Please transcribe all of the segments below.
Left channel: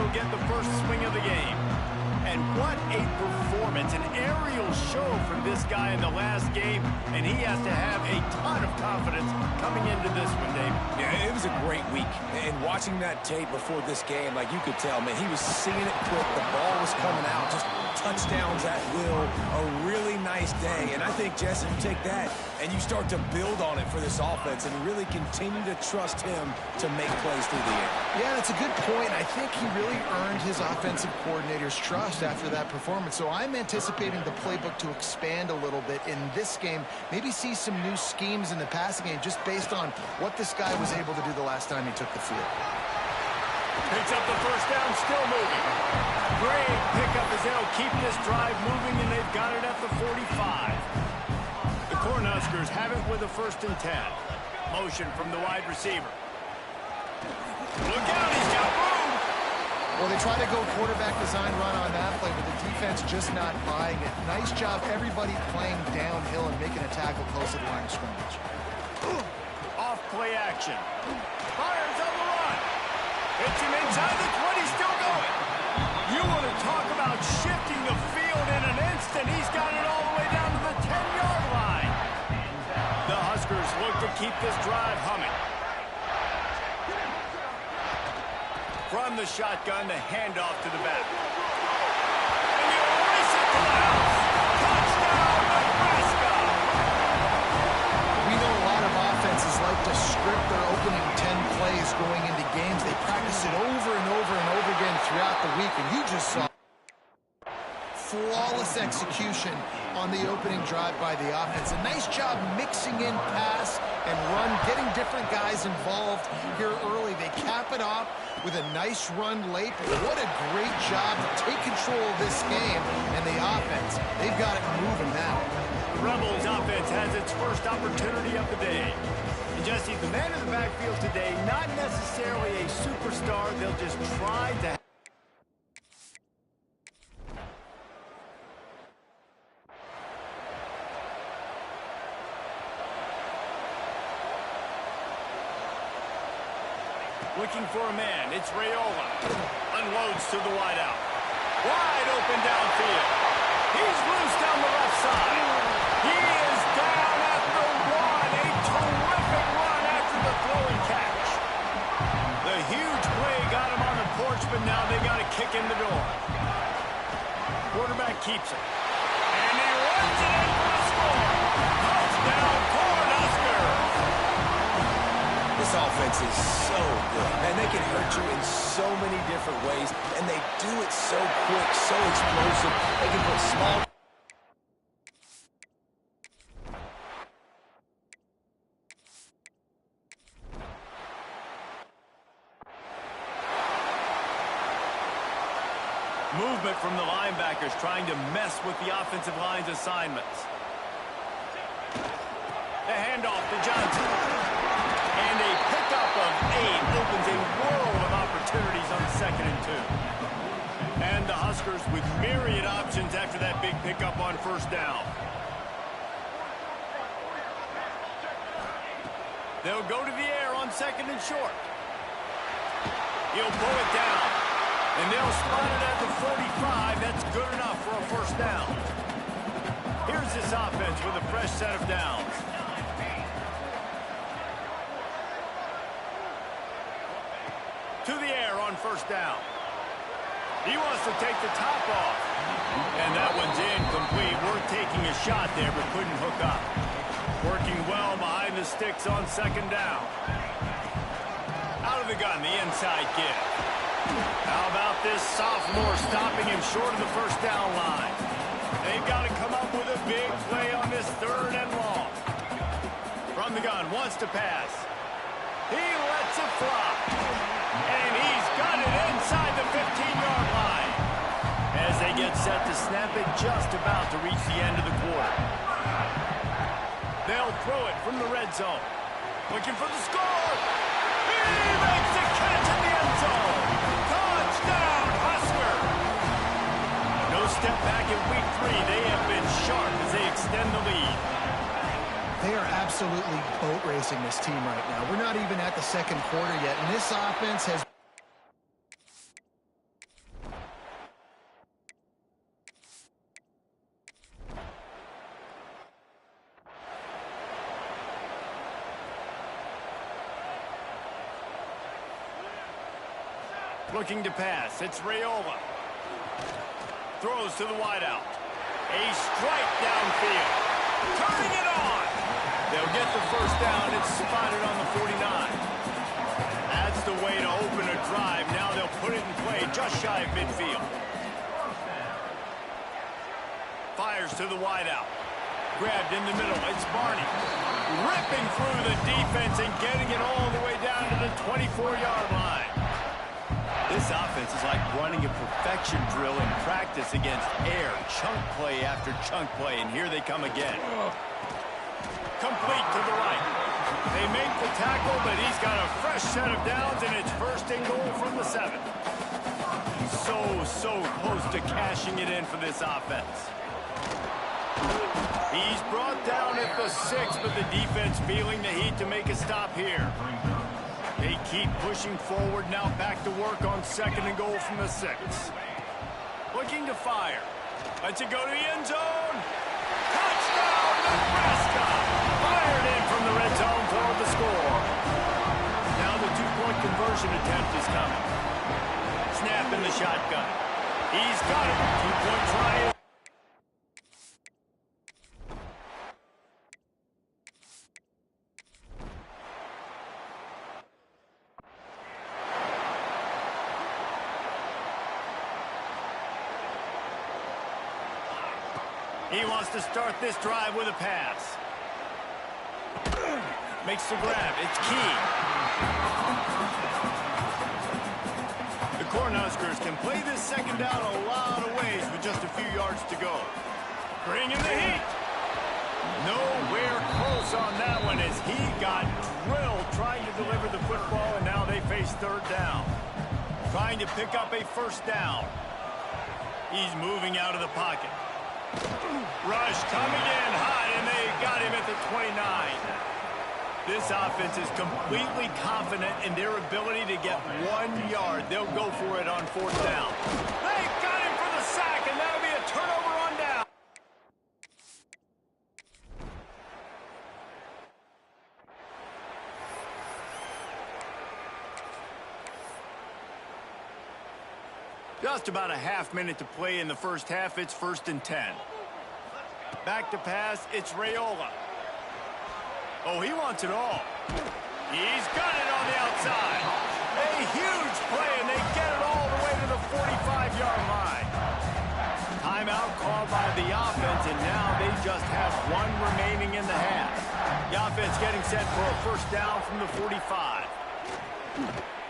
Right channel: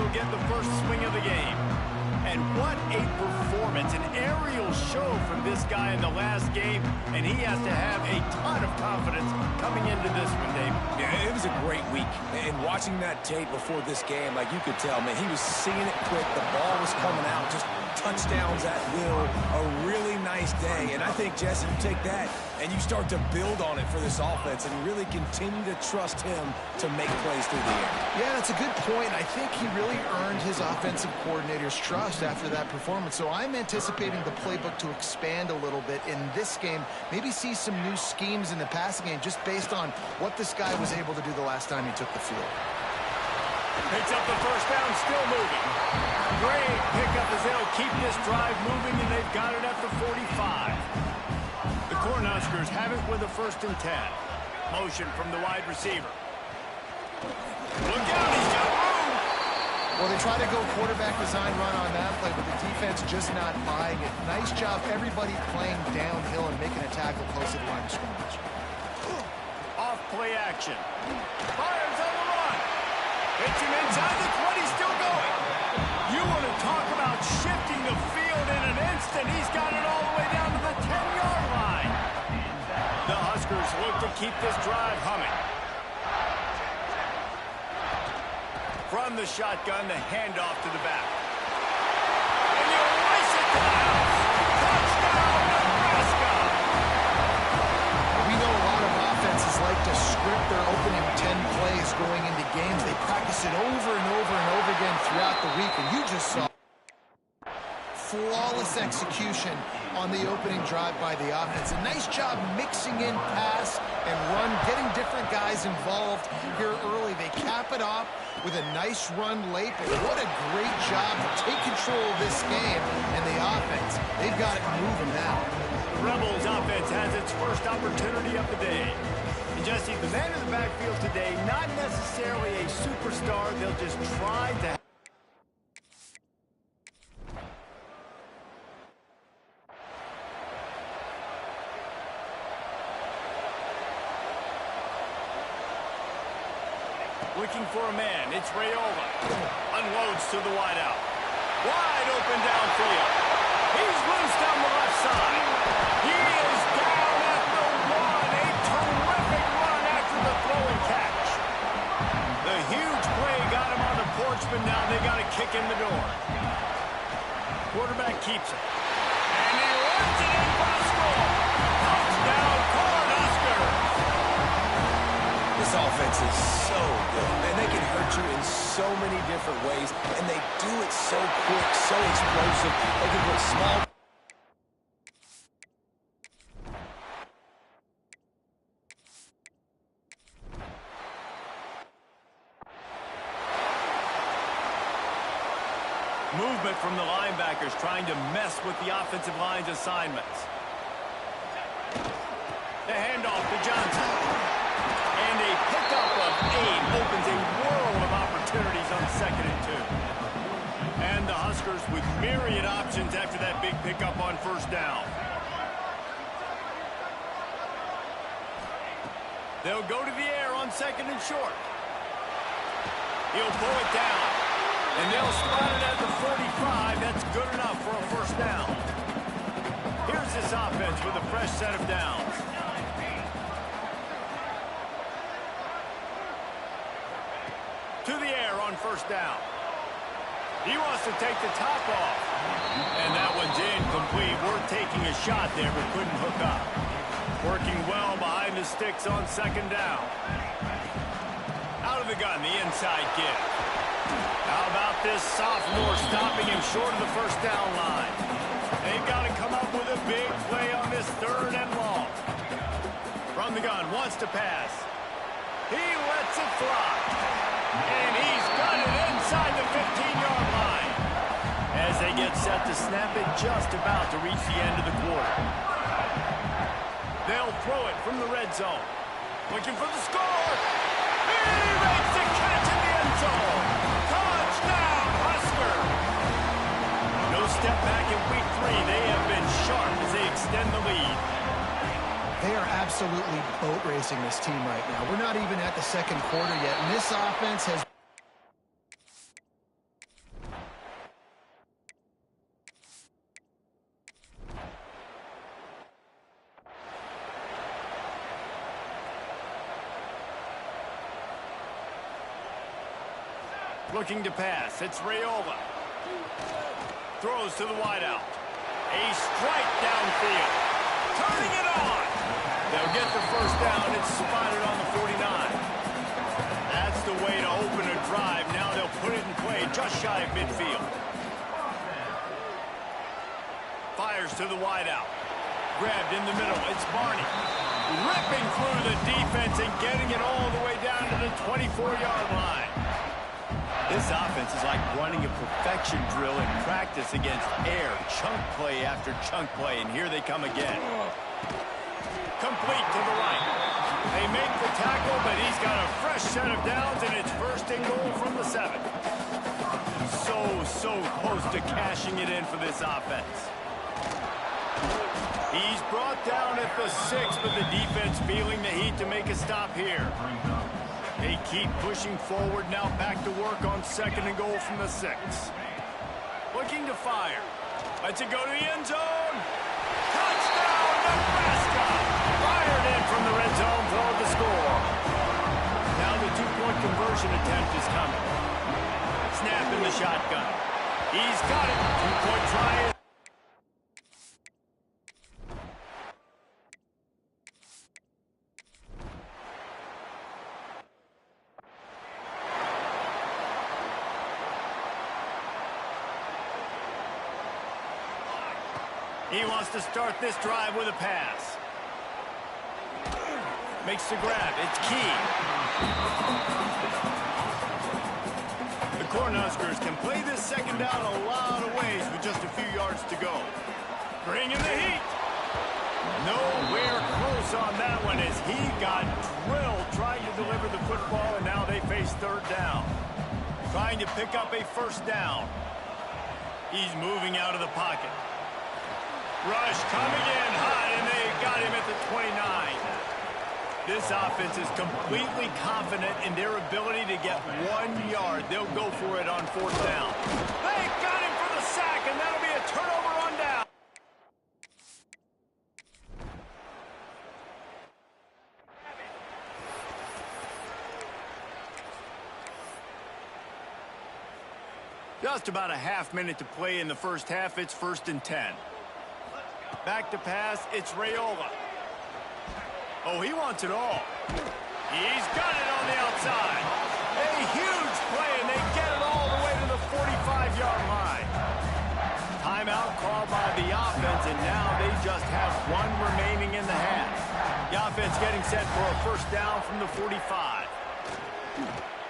will get the first swing of the game. And what a performance, an aerial show from this guy in the last game, and he has to have a ton of confidence coming into this one, Dave. Yeah, it was a great week. And watching that tape before this game, like you could tell, man, he was seeing it quick. The ball was coming out, just touchdowns at will. A really nice day. And I think, Jesse, you take that and you start to build on it for this offense and really continue to trust him to make plays through the air. Yeah, that's a good point. I think he really earned his offensive coordinator's trust after that performance. So I'm anticipating the playbook to expand a little bit in this game. Maybe see some new schemes in the passing game just based on what this guy was able to do the last time he took the field. Picks up the first down, still moving. Great pickup as they'll keep this drive moving, and they've got it at the 45. The Cornhuskers have it with a 1st and 10. Motion from the wide receiver. Look out, he's got room. Well, they try to go quarterback design run on that play, but the defense just not buying it. Nice job, everybody playing downhill and making a tackle close to the line of scrimmage. Off play action. Fires on the run. Hits him inside the 20, still going. You want to talk about shifting the field in an instant. He's got it all the way down to the 10-yard line. The Huskers look to keep this drive humming. From the shotgun, the handoff to the back. And you race it to the house. Touchdown, Nebraska! We know a lot of offenses like to script their opening 10 plays going into games. They practice it over and over and over again throughout the week, and you just saw flawless execution on the opening drive by the offense. A nice job mixing in pass and run, getting different guys involved here early. They cap it off with a nice run late, but what a great job to take control of this game. And the offense, they've got it moving now. The Rebels offense has its first opportunity of the day. And Jesse, the man in the backfield today, not necessarily a superstar. They'll just try to... Looking for a man, it's Raiola. Unloads to the wideout. Wide open downfield. He's loose down the left side. He is down at the 1. A terrific run after the throw and catch. The huge play got him on the porch, but now they got to kick in the door. Quarterback keeps it. And he runs it in for the score. Touchdown, Cornhuskers. This offense is so good, man. They can hurt you in so many different ways, and they do it so quick, so explosive. They can put small... Movement from the linebackers trying to mess with the offensive line's assignments. The handoff to Johnson. And a pickup of 8 opens a world of opportunities on 2nd and 2. And the Huskers with myriad options after that big pickup on 1st down. They'll go to the air on 2nd and short. He'll pull it down. And they'll spot it at the 45. That's good enough for a 1st down. Here's this offense with a fresh set of downs. To the air on 1st down. He wants to take the top off. And that one's incomplete. Worth taking a shot there, but couldn't hook up. Working well behind the sticks on 2nd down. Out of the gun, the inside give. How about this sophomore stopping him short of the 1st down line? They've got to come up with a big play on this 3rd and long. From the gun, wants to pass. He lets it fly. And he's got it inside the 15-yard line. As they get set to snap it, just about to reach the end of the quarter. They'll throw it from the red zone. Looking for the score. He makes the catch in the end zone. Touchdown, Husker. No step back in week 3. They have been sharp as they extend the lead. They are absolutely boat racing this team right now. We're not even at the 2nd quarter yet, and this offense has Looking to pass. It's Raiola. Throws to the wideout. A strike downfield. Turning it on. They'll get the first down. It's spotted on the 49. That's the way to open a drive. Now they'll put it in play just shy of midfield. Fires to the wideout. Grabbed in the middle. It's Barney. Ripping through the defense and getting it all the way down to the 24-yard line. This offense is like running a perfection drill in practice against air. Chunk play after chunk play, and here they come again. Complete to the right. They make the tackle, but he's got a fresh set of downs, and it's first and goal from the 7. So close to cashing it in for this offense. He's brought down at the 6, but the defense feeling the heat to make a stop here. They keep pushing forward, now back to work on 2nd and goal from the 6. Looking to fire. Lets it go to the end zone. Touchdown, Nebraska! Fired in from the red zone for the score. Now the 2-point conversion attempt is coming. Snap in the shotgun. He's got it. 2-point try. He wants to start this drive with a pass. Makes the grab. It's key. The Cornhuskers can play this 2nd down a lot of ways with just a few yards to go. Bring in the heat. Nowhere close on that one as he got drilled trying to deliver the football, and now they face 3rd down. Trying to pick up a 1st down. He's moving out of the pocket. Rush coming in hot, and they got him at the 29. This offense is completely confident in their ability to get 1 yard. They'll go for it on 4th down. They got him for the sack, and that'll be a turnover on down. Just about a half-minute to play in the first half. It's 1st and 10. Back to pass. It's Raiola. Oh, he wants it all. He's got it on the outside. A huge play, and they get it all the way to the 45-yard line. Timeout called by the offense, and now they just have 1 remaining in the half. The offense getting set for a 1st down from the 45.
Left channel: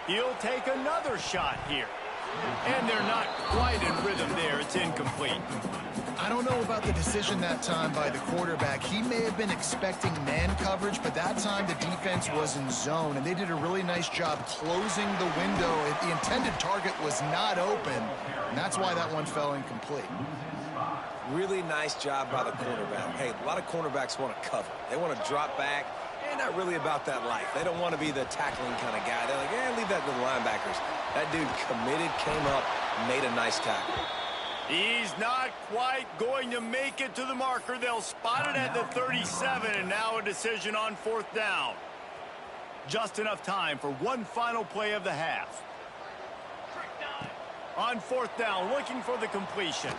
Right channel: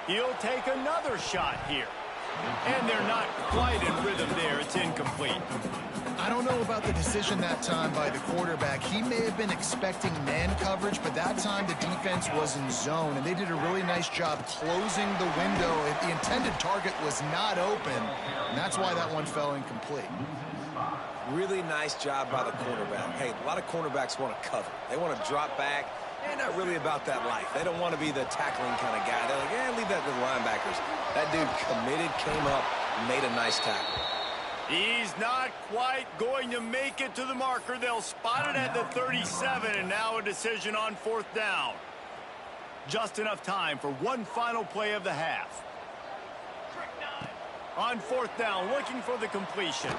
He'll take another shot here. And they're not quite in rhythm there. It's incomplete. I don't know about the decision that time by the quarterback. He may have been expecting man coverage, but that time the defense was in zone, and they did a really nice job closing the window. The intended target was not open, and that's why that one fell incomplete. Really nice job by the cornerback. Hey, a lot of cornerbacks want to cover. They want to drop back. They're not really about that life. They don't want to be the tackling kind of guy. They're like, yeah, leave that to the linebackers. That dude committed, came up, made a nice tackle. He's not quite going to make it to the marker. They'll spot it at the 37, and now a decision on 4th down. Just enough time for one final play of the half. On 4th down, looking for the completion.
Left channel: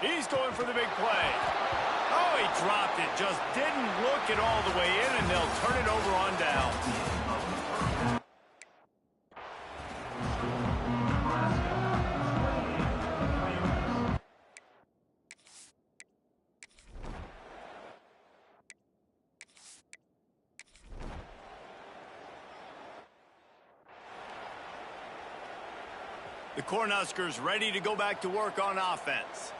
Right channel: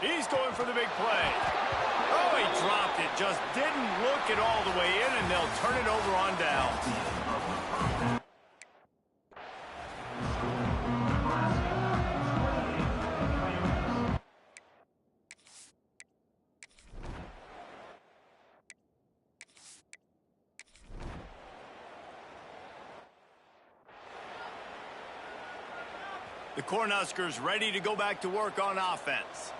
He's going for the big play. Oh, he dropped it. Just didn't look it all the way in, and they'll turn it over on down. The Cornhuskers ready to go back to work on offense.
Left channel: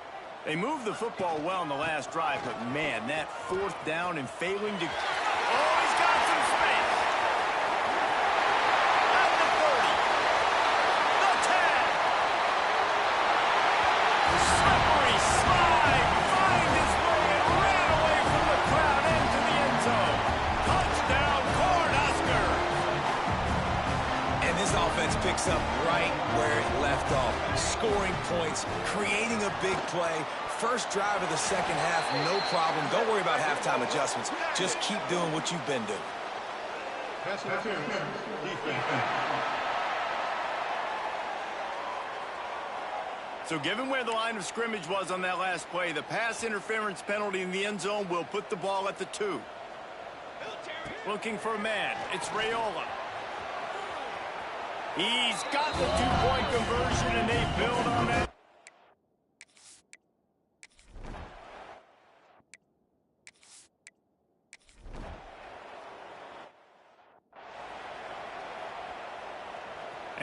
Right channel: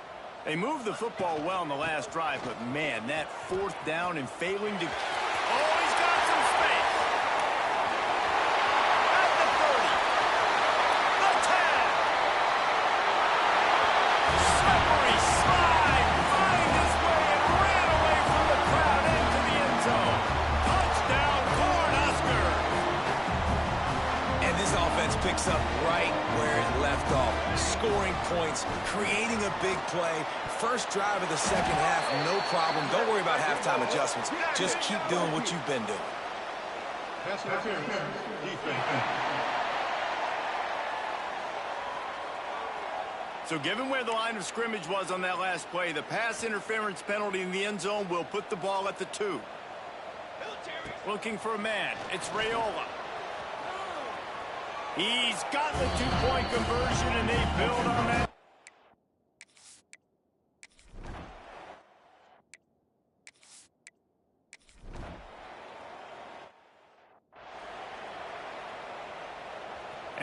They moved the football well in the last drive, but man, that 4th down and failing to... Oh, he's got some space. At the 30. The 10. Slippery slide. Find his way and ran away from the crowd into the end zone. Touchdown, Cornhuskers. And this offense picks up right where it left off. Scoring points, creating a big play. First drive of the 2nd half, no problem. Don't worry about halftime adjustments. Just keep doing what you've been doing. So given where the line of scrimmage was on that last play, the pass interference penalty in the end zone will put the ball at the 2. Looking for a man. It's Raiola. He's got the 2-point conversion, and they build on that.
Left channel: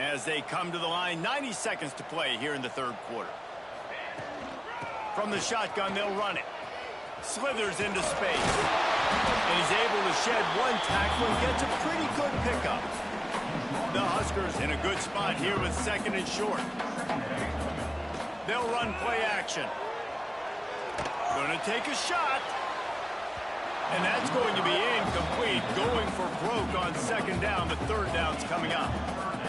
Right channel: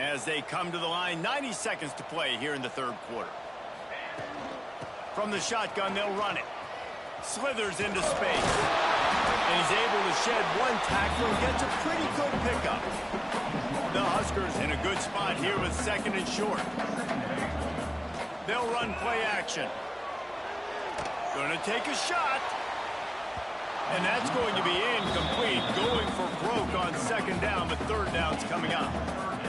As they come to the line, 90 seconds to play here in the third quarter. From the shotgun, they'll run it. Slithers into space. And he's able to shed one tackle and gets a pretty good pickup. The Huskers in a good spot here with 2nd and short. They'll run play action. Going to take a shot. And that's going to be incomplete. Going for broke on 2nd down, but 3rd down's coming up.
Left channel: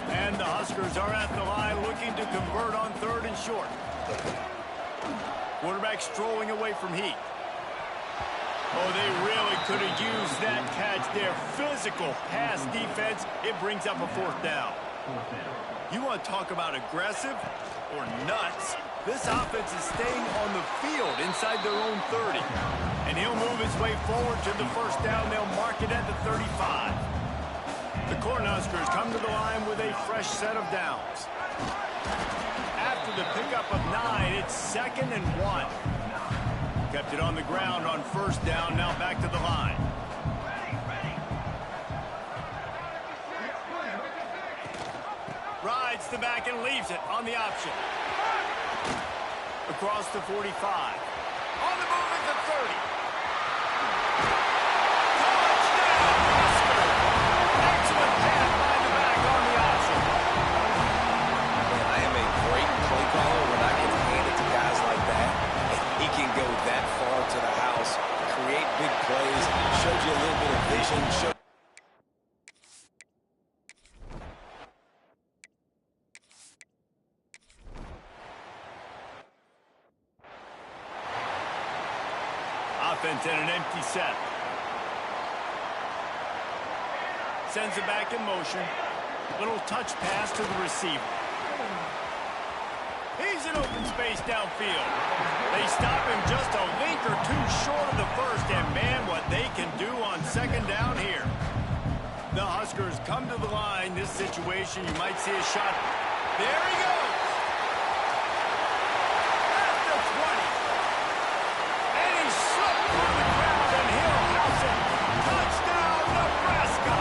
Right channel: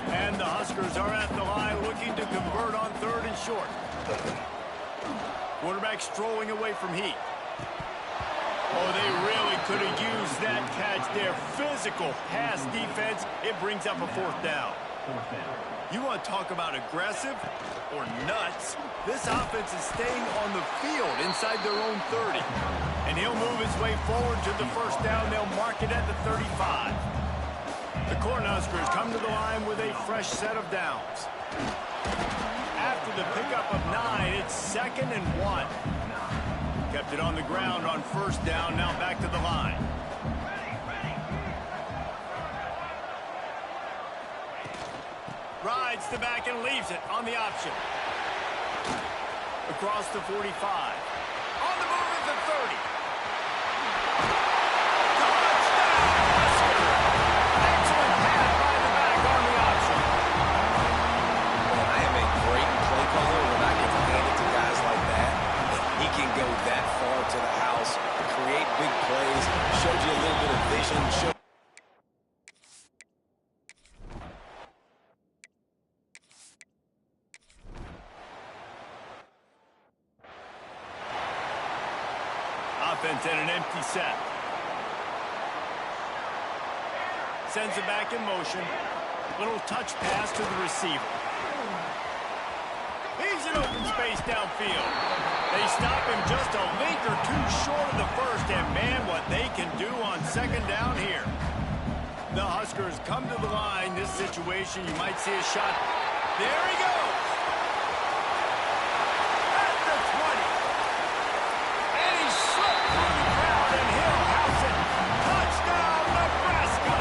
And the Huskers are at the line looking to convert on 3rd and short. Quarterback strolling away from heat. Oh, they really could have used that catch there. Physical pass defense. It brings up a 4th down. You want to talk about aggressive or nuts? This offense is staying on the field inside their own 30. And he'll move his way forward to the 1st down. They'll mark it at the 35. The Cornhuskers come to the line with a fresh set of downs. After the pickup of 9, it's 2nd and 1. Kept it on the ground on 1st down, now back to the line. Rides the back and leaves it on the option. Across the 45. On the move at the 30. Touchdown, Husker! Excellent pass by the back on the option. Man, I am a great play caller when I can hand it to guys like that. He can go that far to the house, create big plays, shows you a little bit of vision. Offense in an empty set. Sends it back in motion. Little touch pass to the receiver. He's in open space downfield. They stop him just a link or 2 short of the 1st, and man, what they can do on 2nd down here. The Huskers come to the line. This situation, you might see a shot. There he goes. At the 20. And he slipped through the crowd, and he'll house it. Touchdown, Nebraska.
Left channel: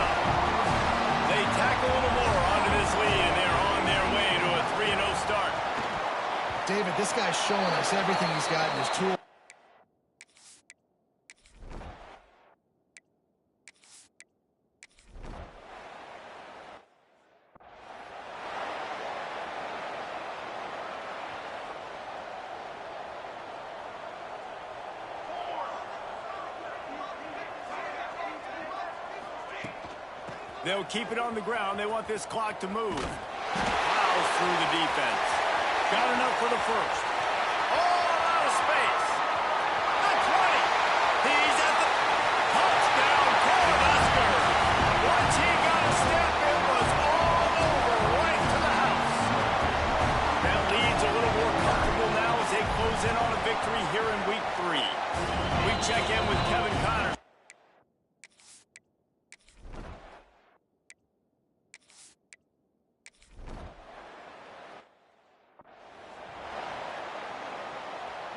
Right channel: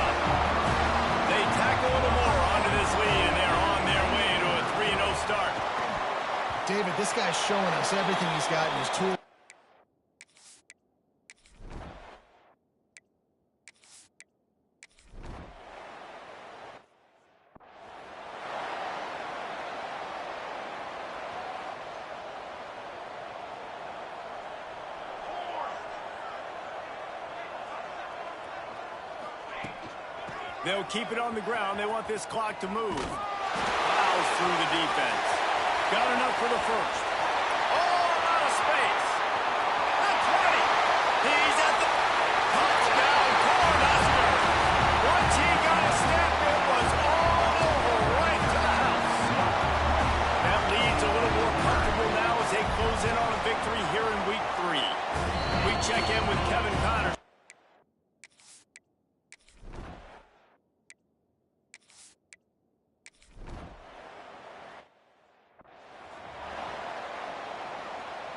They tack a little more onto this lead, and they're on their way to a 3-0 start. David, this guy's showing us everything he's got in his tool. They'll keep it on the ground. They want this clock to move. Plows through the defense. Got enough for the 1st. All out of space. The 20. He's at the touchdown, Cornhuskers. Once he got a step, it was all over right to the house. That lead's a little more comfortable now as they close in on a victory here in week 3. We check in with Kevin Connors.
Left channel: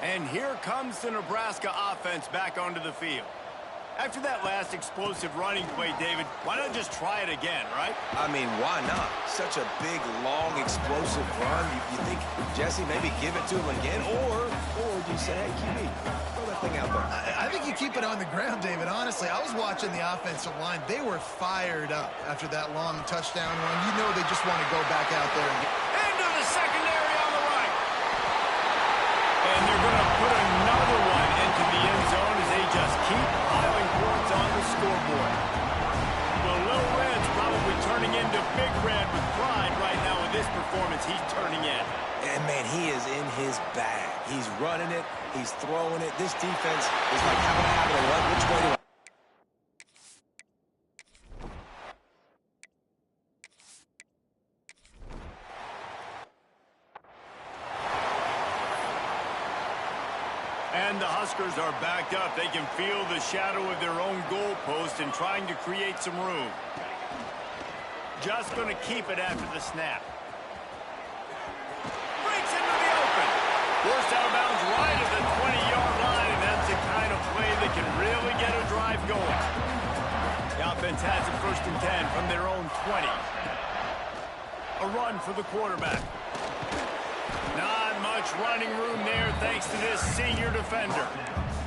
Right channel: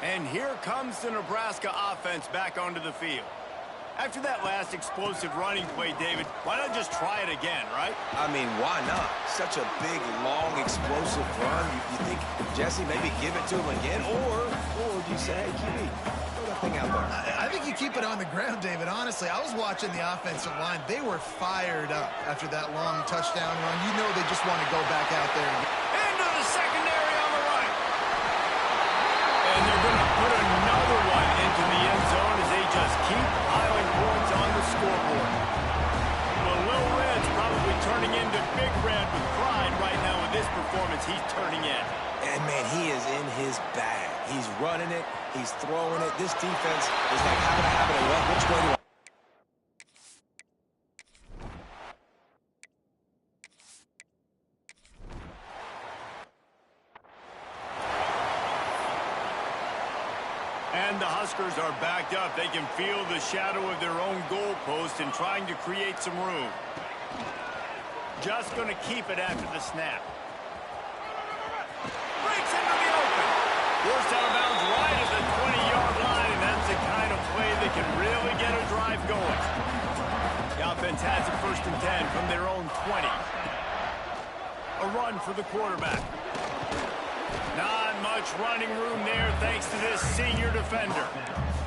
And here comes the Nebraska offense back onto the field. After that last explosive running play, David, why not just try it again, right? I mean, why not? Such a big, long, explosive run. You think, Jesse, maybe give it to him again? Or do you say, hey, QB, throw that thing out there? I think you keep it on the ground, David. Honestly, I was watching the offensive line. They were fired up after that long touchdown run. You know they just want to go back out there and get into the secondary on the right. And they're going to put another one into the end zone as they just keep piling points on the scoreboard. Well, Lil Red's probably turning into Big Red with pride right now with this performance he's turning in. And, man, he is in his bag. He's running it. He's throwing it. This defense is like, how can I have it and what? Which way do I? And the Huskers are backed up. They can feel the shadow of their own goalpost and trying to create some room. Just going to keep it after the snap. Breaks into the open. Forced out of bounds right at the 20-yard line, and that's the kind of play that can really get a drive going. The offense has it 1st and 10 from their own 20. A run for the quarterback. Not much running room there thanks to this senior defender.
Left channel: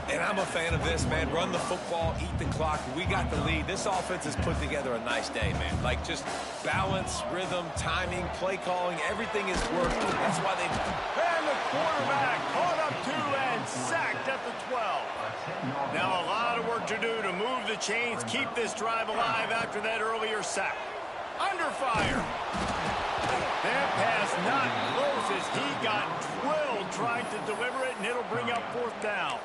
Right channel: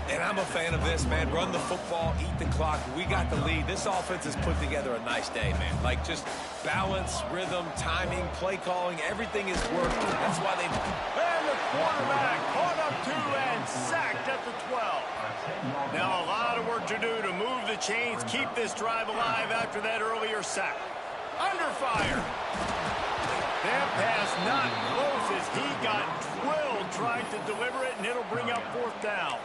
And I'm a fan of this, man. Run the football, eat the clock. We got the lead. This offense has put together a nice day, man. Like, just balance, rhythm, timing, play calling, everything is working. That's why they... And the quarterback caught up to and sacked at the 12. Now a lot of work to do to move the chains, keep this drive alive after that earlier sack. Under fire. That pass not close as he got drilled trying to deliver it, and it'll bring up 4th down.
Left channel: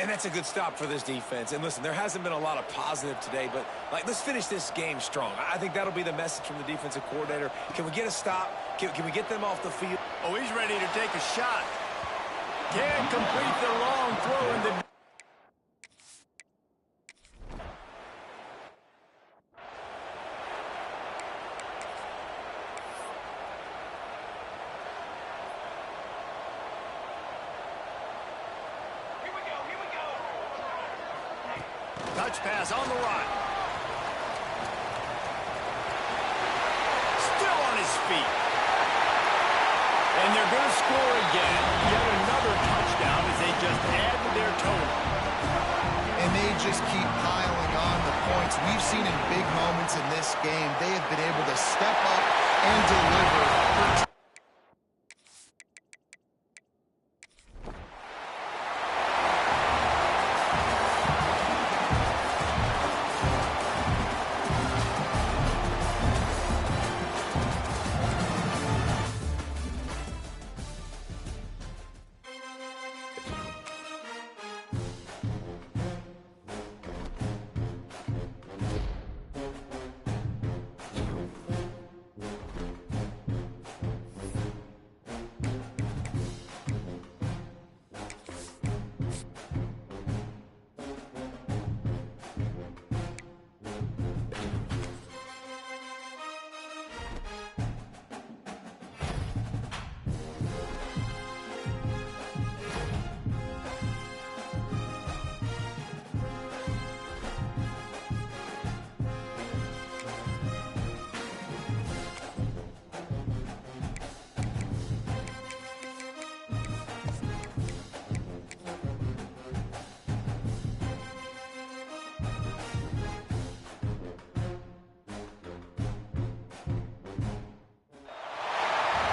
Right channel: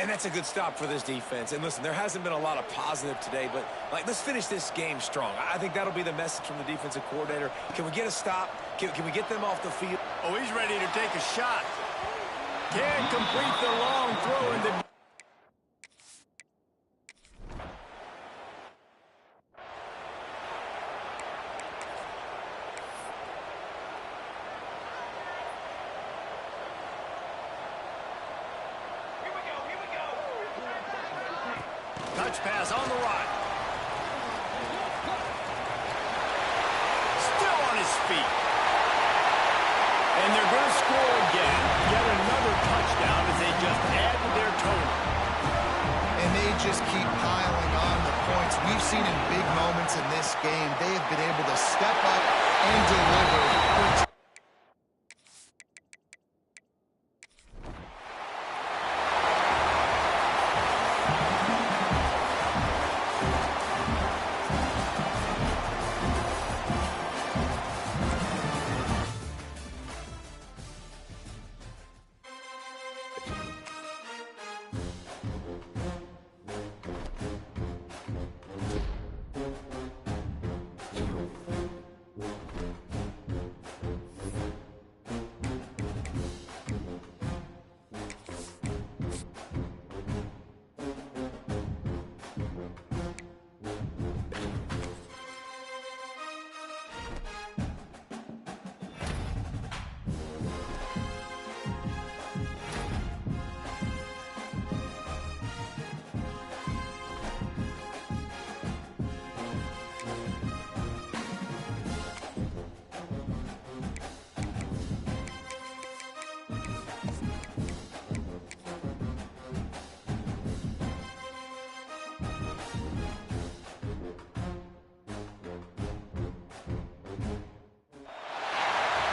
And that's a good stop for this defense. And listen, there hasn't been a lot of positive today, but like, let's finish this game strong. I think that'll be the message from the defensive coordinator. Can we get a stop? Can we get them off the field? Oh, he's ready to take a shot. Can't complete the long throw in the... Touch pass on the right. Still on his feet. And they're going to score again. Yet another touchdown as they just add to their total. And they just keep piling on the points. We've seen in big moments in this game, they have been able to step up and deliver.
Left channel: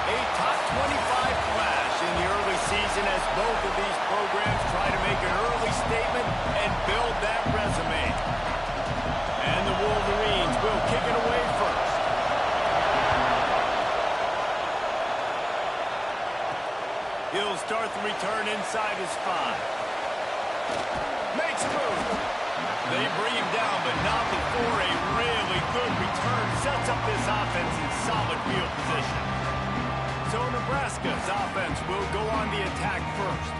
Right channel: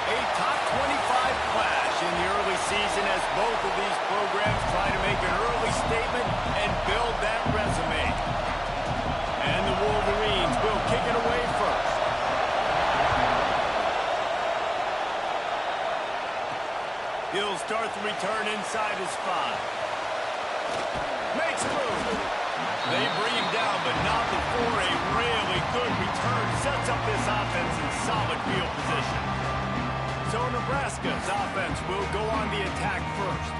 A top 25 clash in the early season as both of these programs try to make an early statement and build that resume. And the Wolverines will kick it away first. He'll start the return inside his 5. Makes a move. They bring him down, but not before a really good return sets up this offense in solid field position. So Nebraska's offense will go on the attack first.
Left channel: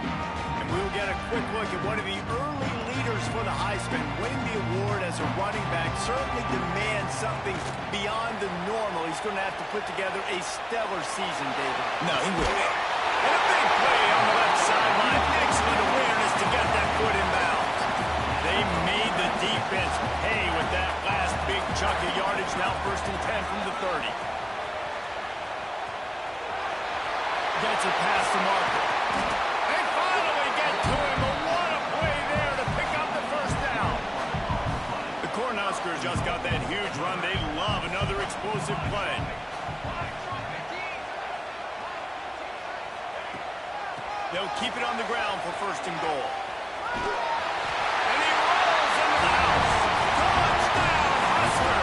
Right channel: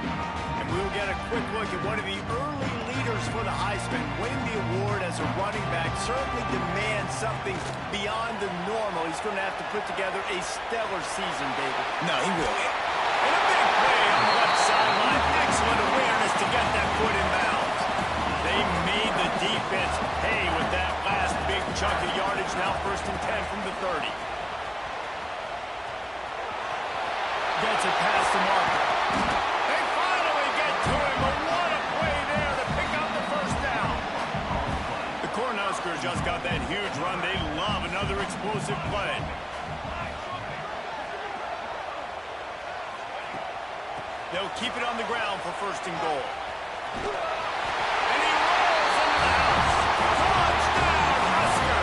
And we'll get a quick look at one of the early leaders for the Heisman. Winning the award as a running back certainly demands something beyond the normal. He's going to have to put together a stellar season, David. No, he will. And a big play on the left sideline. Excellent awareness to get that foot in bounds. They made the defense pay with that last big chunk of yardage. Now 1st and 10 from the 30. Gets it past the marker. They finally get to him, but what a play there to pick up the 1st down. The Cornhuskers just got that huge run. They love another explosive play. They'll keep it on the ground for 1st and goal. And he rolls into the house. Touchdown, Husker!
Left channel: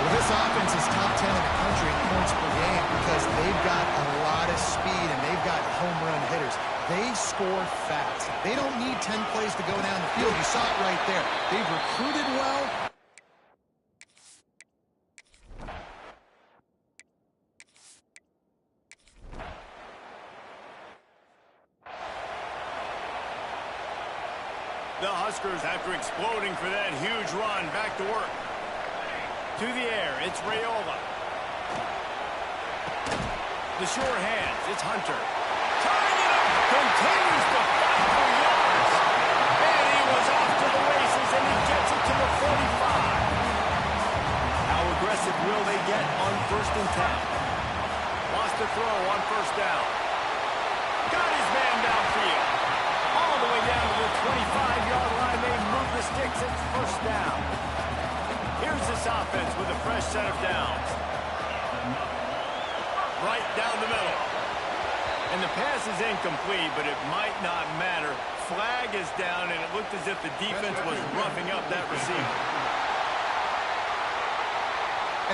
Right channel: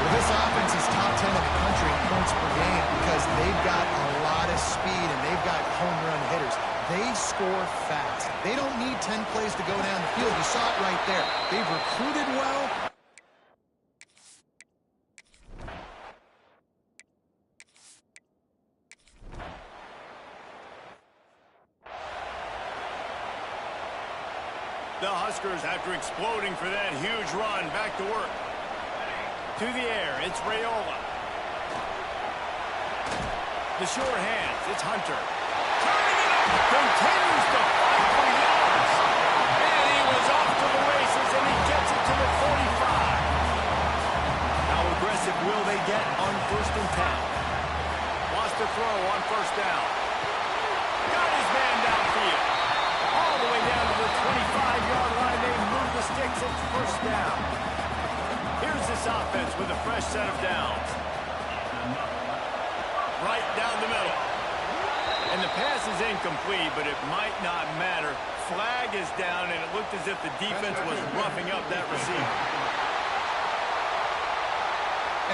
Well, this offense is top 10 in the country in points per game because they've got a lot of speed and they've got home run hitters. They score fast. They don't need 10 plays to go down the field. You saw it right there. They've recruited well. The Huskers, after exploding for that huge run, back to work. To the air, it's Raiola. The sure hands, it's Hunter. Turning it up, continues to fight for yards. And he was off to the races, and he gets it to the 45. How aggressive will they get on 1st and 10? Wants to throw on 1st down. Got his man downfield. All the way down to the 25-yard line. They move the sticks. It's 1st down. Here's this offense with a fresh set of downs. Right down the middle. And the pass is incomplete, but it might not matter. Flag is down, and it looked as if the defense was roughing up that receiver.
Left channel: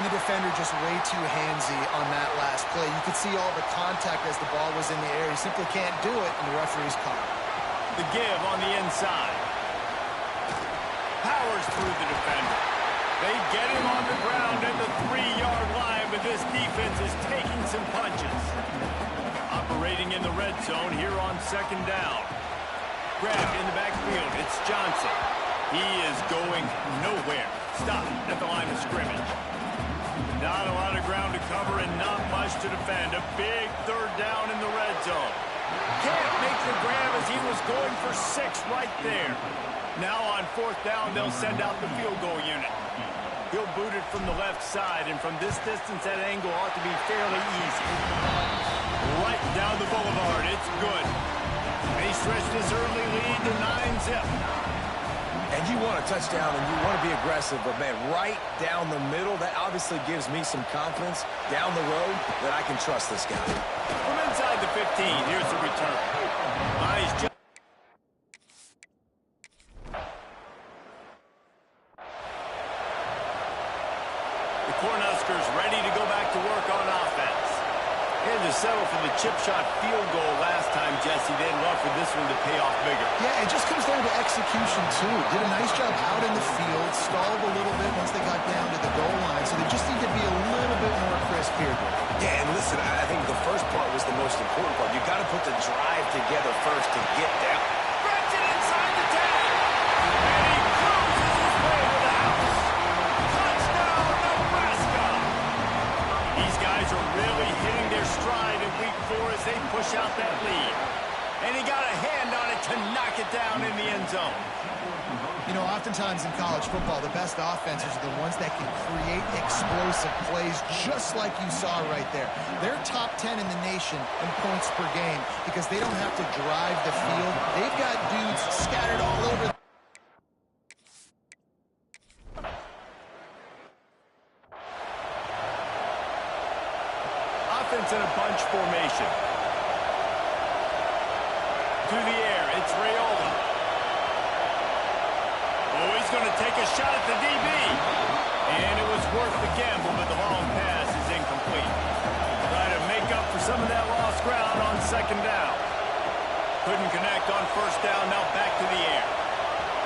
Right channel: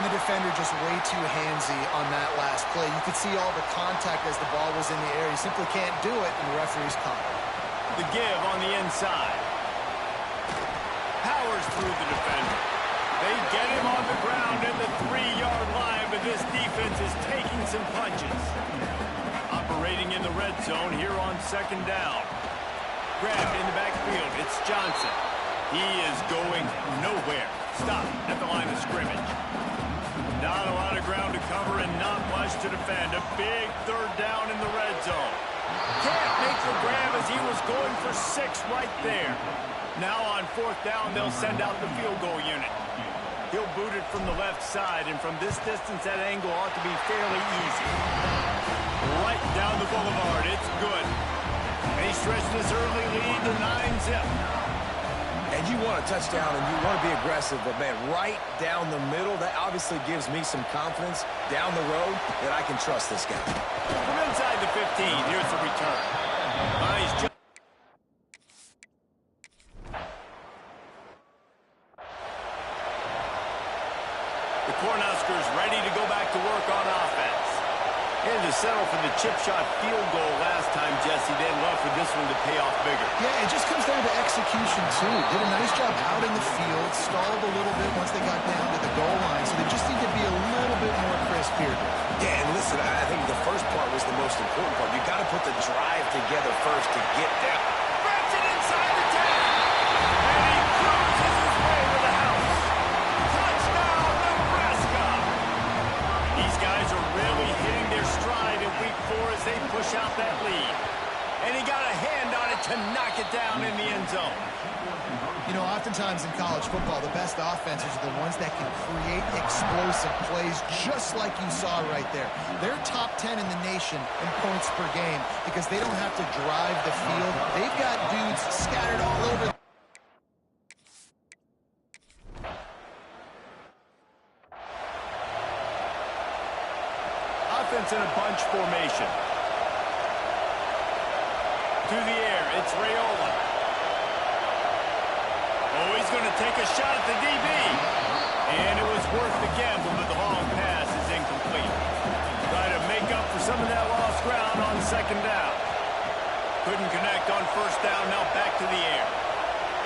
And the defender just way too handsy on that last play. You could see all the contact as the ball was in the air. He simply can't do it, and the referee's caught it. The give on the inside. Powers through the defender. They get him on the ground at the 3-yard line, but this defense is taking some punches. Operating in the red zone here on 2nd down. Grabbed in the backfield. It's Johnson. He is going nowhere. Stop at the line of scrimmage. Not a lot of ground to cover and not much to defend. A big 3rd down in the red zone. Can't make the grab as he was going for 6 right there. Now on 4th down, they'll send out the field goal unit. He'll boot it from the left side, and from this distance, that angle ought to be fairly easy. Right down the boulevard. It's good. They stretch this early lead to 9-zip. And you want a touchdown, and you want to be aggressive, but, man, right down the middle, that obviously gives me some confidence down the road that I can trust this guy. From inside the 15, here's the return. Nice job. The Cornhuskers ready to go back to work on offense. And to settle for the chip shot field goal last time, Jesse, they'd love for this one to pay off bigger. Yeah, it just comes down to execution, too. Did a nice job out in the field, stalled a little bit once they got down to the goal line, so they just need to be a little bit more crisp here. Yeah, and listen, I think the first part was the most important part. You got to put the drive together first to get down. Grabs it inside the 10. And he cruises his way to the house. Touchdown, Nebraska! These guys are really hitting their stride in week 4 as they push out that lead. And he got a hand on it to knock it down in the end zone. You know, oftentimes in college football, the best offenses are the ones that can create explosive plays just like you saw right there. They're top 10 in the nation in points per game because they don't have to drive the field. They've got dudes scattered all over. Offense in a bunch formation. To the air, it's Raiola. Oh, he's going to take a shot at the DB. And it was worth the gamble, but the long pass is incomplete. Try to make up for some of that lost ground on 2nd down. Couldn't connect on 1st down, now back to the air.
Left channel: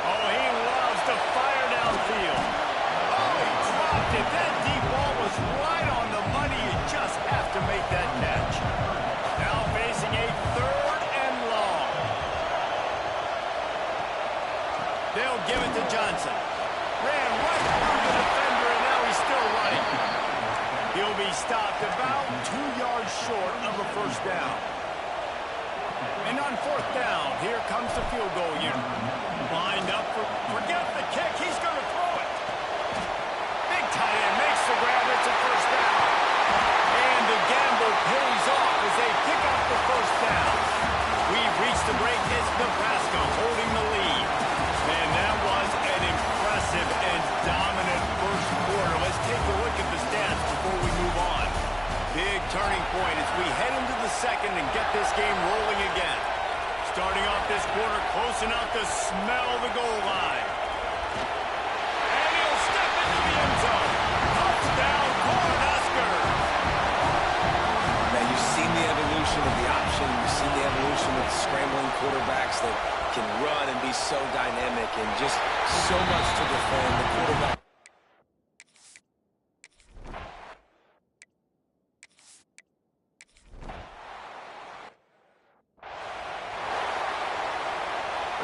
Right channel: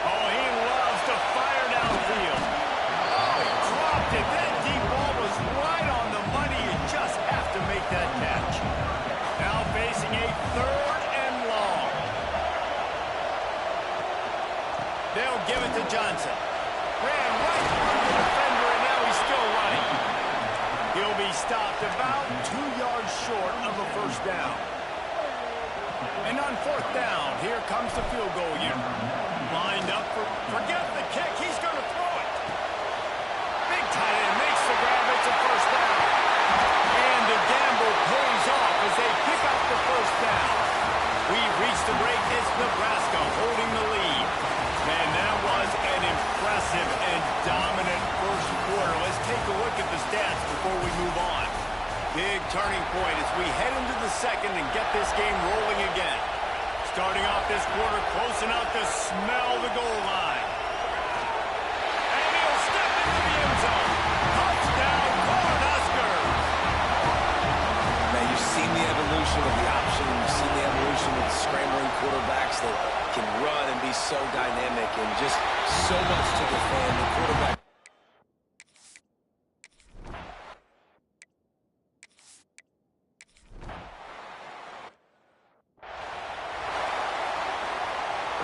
Oh, he loves to fire downfield. Oh, he dropped it. That deep ball was right on the money. You just have to make that catch. Now facing a 3rd and long. They'll give it to Johnson. Ran right through the defender, and now he's still running. He'll be stopped about 2 yards short of a 1st down. And on 4th down, here comes the field goal unit. Lined up for, forget the kick, he's going to throw it. Big tight end makes the grab, it's a 1st down. And the gamble pays off as they pick up the 1st down. We've reached the break, it's Nebraska holding the lead. And that was an impressive and dominant 1st quarter. Let's take a look at the stats before we move on. Big turning point as we head into the 2nd and get this game rolling again. Starting off this quarter close enough to smell the goal line. And he'll step into the end zone. Touchdown, Cornhuskers! Man, you've seen the evolution of the option. You've seen the evolution of the scrambling quarterbacks that can run and be so dynamic and just so much to defend. The quarterback.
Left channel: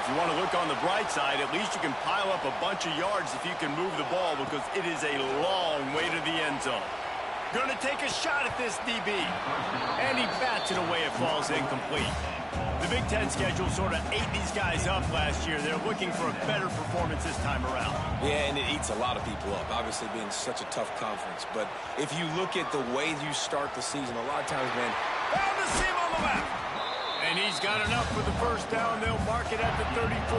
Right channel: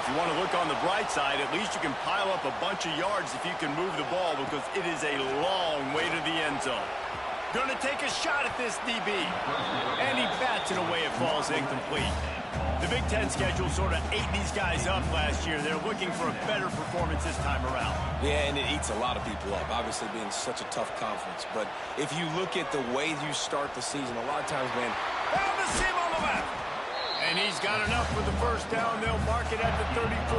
if you want to look on the bright side, at least you can pile up a bunch of yards if you can move the ball because it is a long way to the end zone. Going to take a shot at this DB. And he bats it away. It falls incomplete. The Big Ten schedule sort of ate these guys up last year. They're looking for a better performance this time around. Yeah, and it eats a lot of people up, obviously being such a tough conference. But if you look at the way you start the season, a lot of times, man. Found the seam on the left. And he's got enough for the first down. They'll mark it at the 34.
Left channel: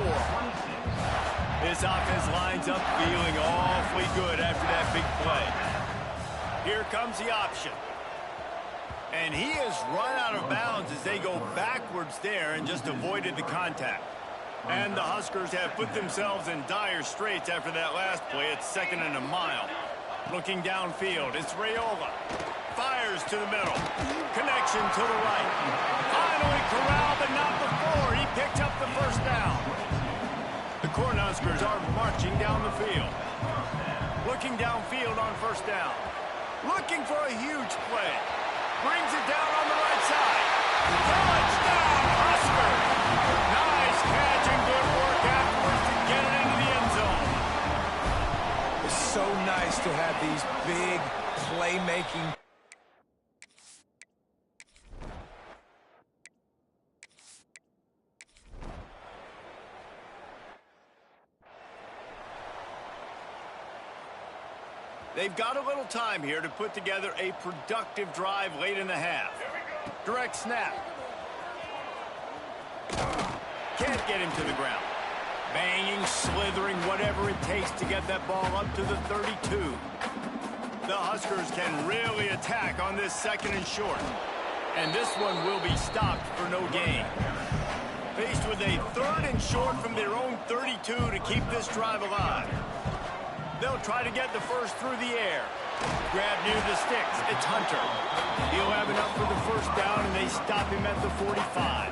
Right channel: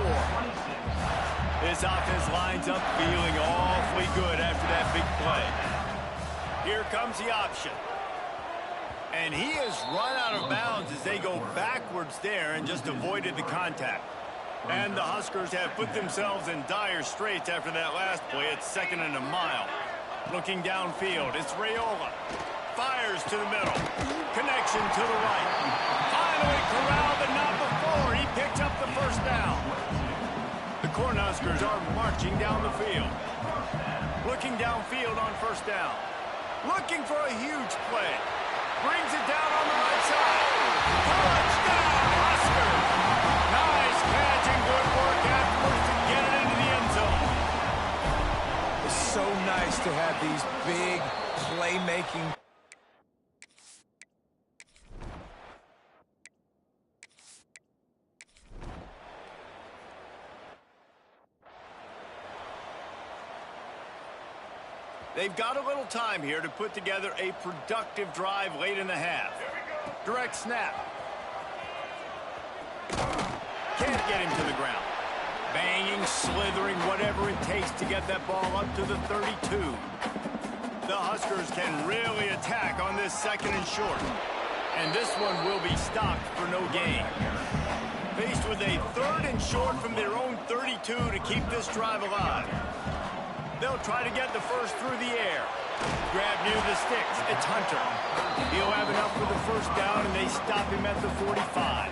This offense lines up feeling awfully good after that big play. Here comes the option. And he has run out of bounds as they go backwards there and just avoided the contact. And the Huskers have put themselves in dire straits after that last play. It's 2nd and a mile. Looking downfield, it's Raiola. Fires to the middle. Connection to the right. Finally corralled, but not before. He picked up the first down. The Cornhuskers are marching down the field. Looking downfield on first down. Looking for a huge play. Brings it down on the right side. Touchdown, Huskers! Nice catch and good work afterwards to get it into the end zone. It's so nice to have these big playmaking. They've got a little time here to put together a productive drive late in the half. Direct snap. Can't get him to the ground. Banging, slithering, whatever it takes to get that ball up to the 32. The Huskers can really attack on this 2nd and short. And this one will be stopped for no gain. Faced with a 3rd and short from their own 32 to keep this drive alive. They'll try to get the first through the air. Grab near the sticks. It's Hunter. He'll have enough for the first down, and they stop him at the 45.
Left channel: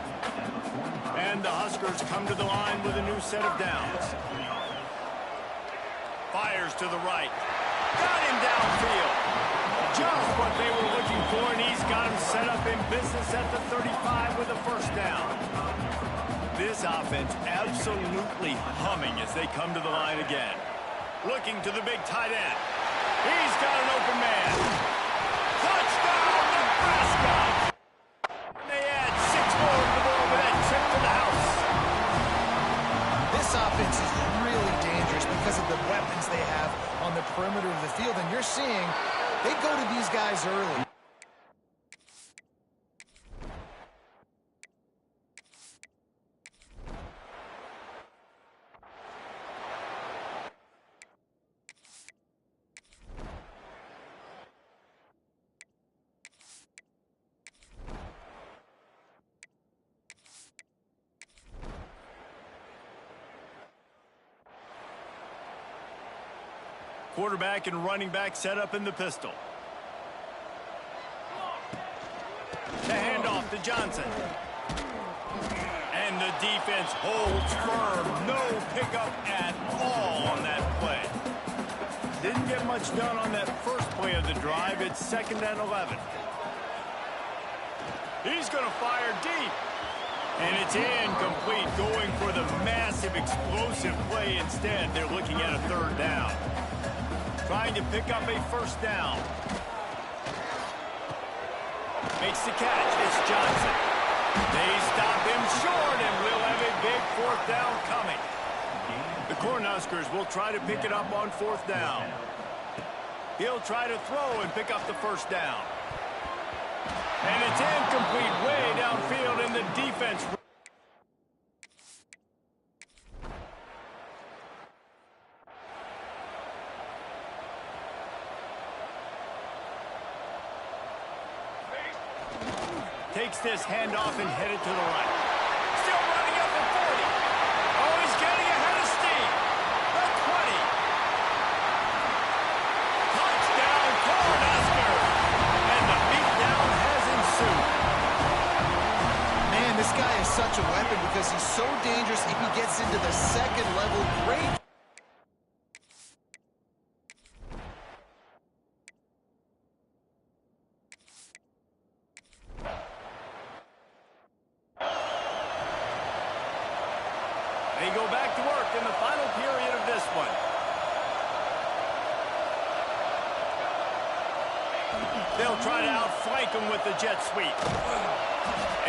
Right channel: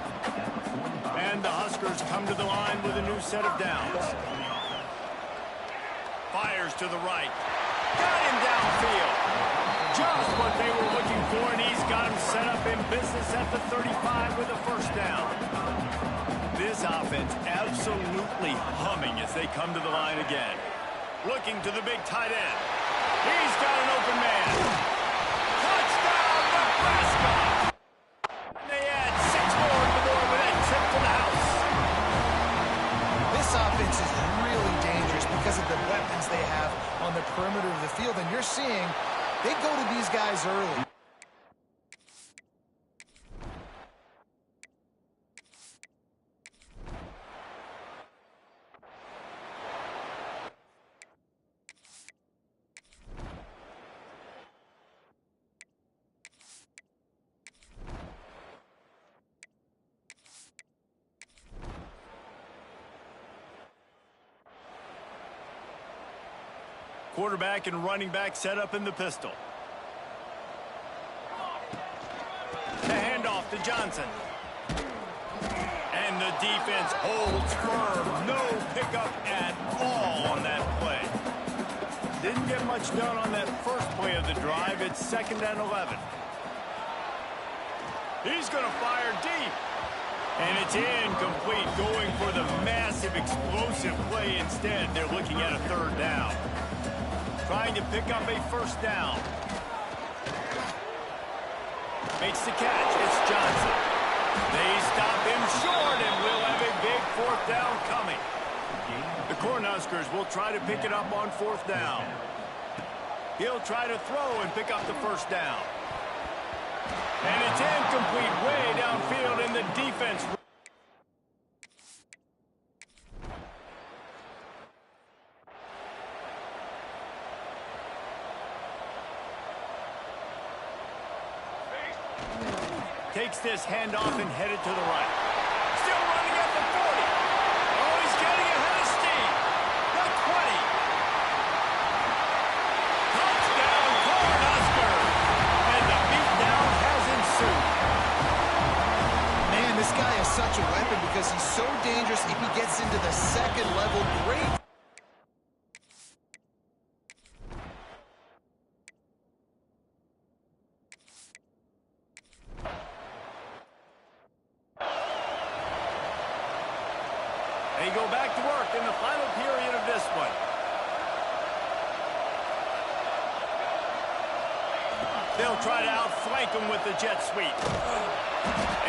And the Huskers come to the line with a new set of downs. Fires to the right. Got him downfield. Just what they were looking for, and he's got him set up in business at the 35 with a first down. This offense absolutely humming as they come to the line again. Looking to the big tight end. He's got an open man. Touchdown, Nebraska! They add 6 more to the board with that trip to the house. This offense is really dangerous because of the weapons they have on the perimeter of the field. And you're seeing they go to these guys early. Quarterback and running back set up in the pistol. The handoff to Johnson. And the defense holds firm. No pickup at all on that play. Didn't get much done on that first play of the drive. It's 2nd and 11. He's going to fire deep. And it's incomplete, going for the massive explosive play instead. They're looking at a 3rd down. Trying to pick up a first down. Makes the catch. It's Johnson. They stop him short, and we'll have a big 4th down coming. The Cornhuskers will try to pick it up on 4th down. He'll try to throw and pick up the first down. And it's incomplete way downfield, and the defense... takes this handoff and headed to the right. Still running at the 40. Oh, he's getting ahead of steam. The 20. Touchdown, Cornhuskers. And the beatdown has ensued. Man, this guy is such a weapon because he's so dangerous if he gets into the 2nd level. Great. They go back to work in the final period of this one. They'll try to outflank them with the jet sweep.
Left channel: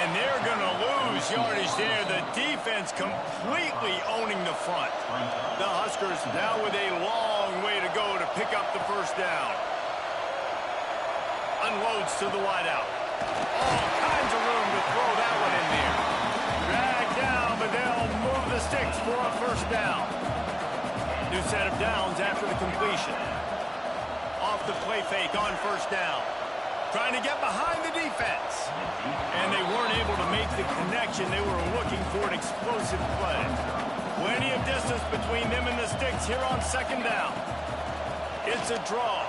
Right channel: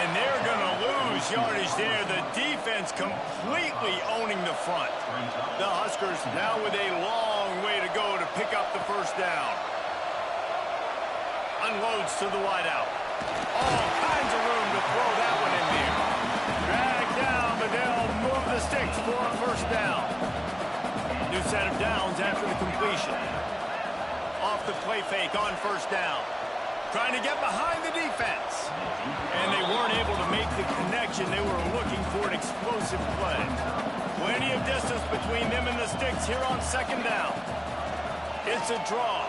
And they're going to lose yardage there. The defense completely owning the front. The Huskers now with a long way to go to pick up the first down. Unloads to the wideout. All kinds of room to throw that one in there. Drag down, but they'll move the sticks for a first down. New set of downs after the completion. Off the play fake on first down. Trying to get behind the defense. And they weren't able to make the connection. They were looking for an explosive play. Plenty of distance between them and the sticks here on second down. It's a draw.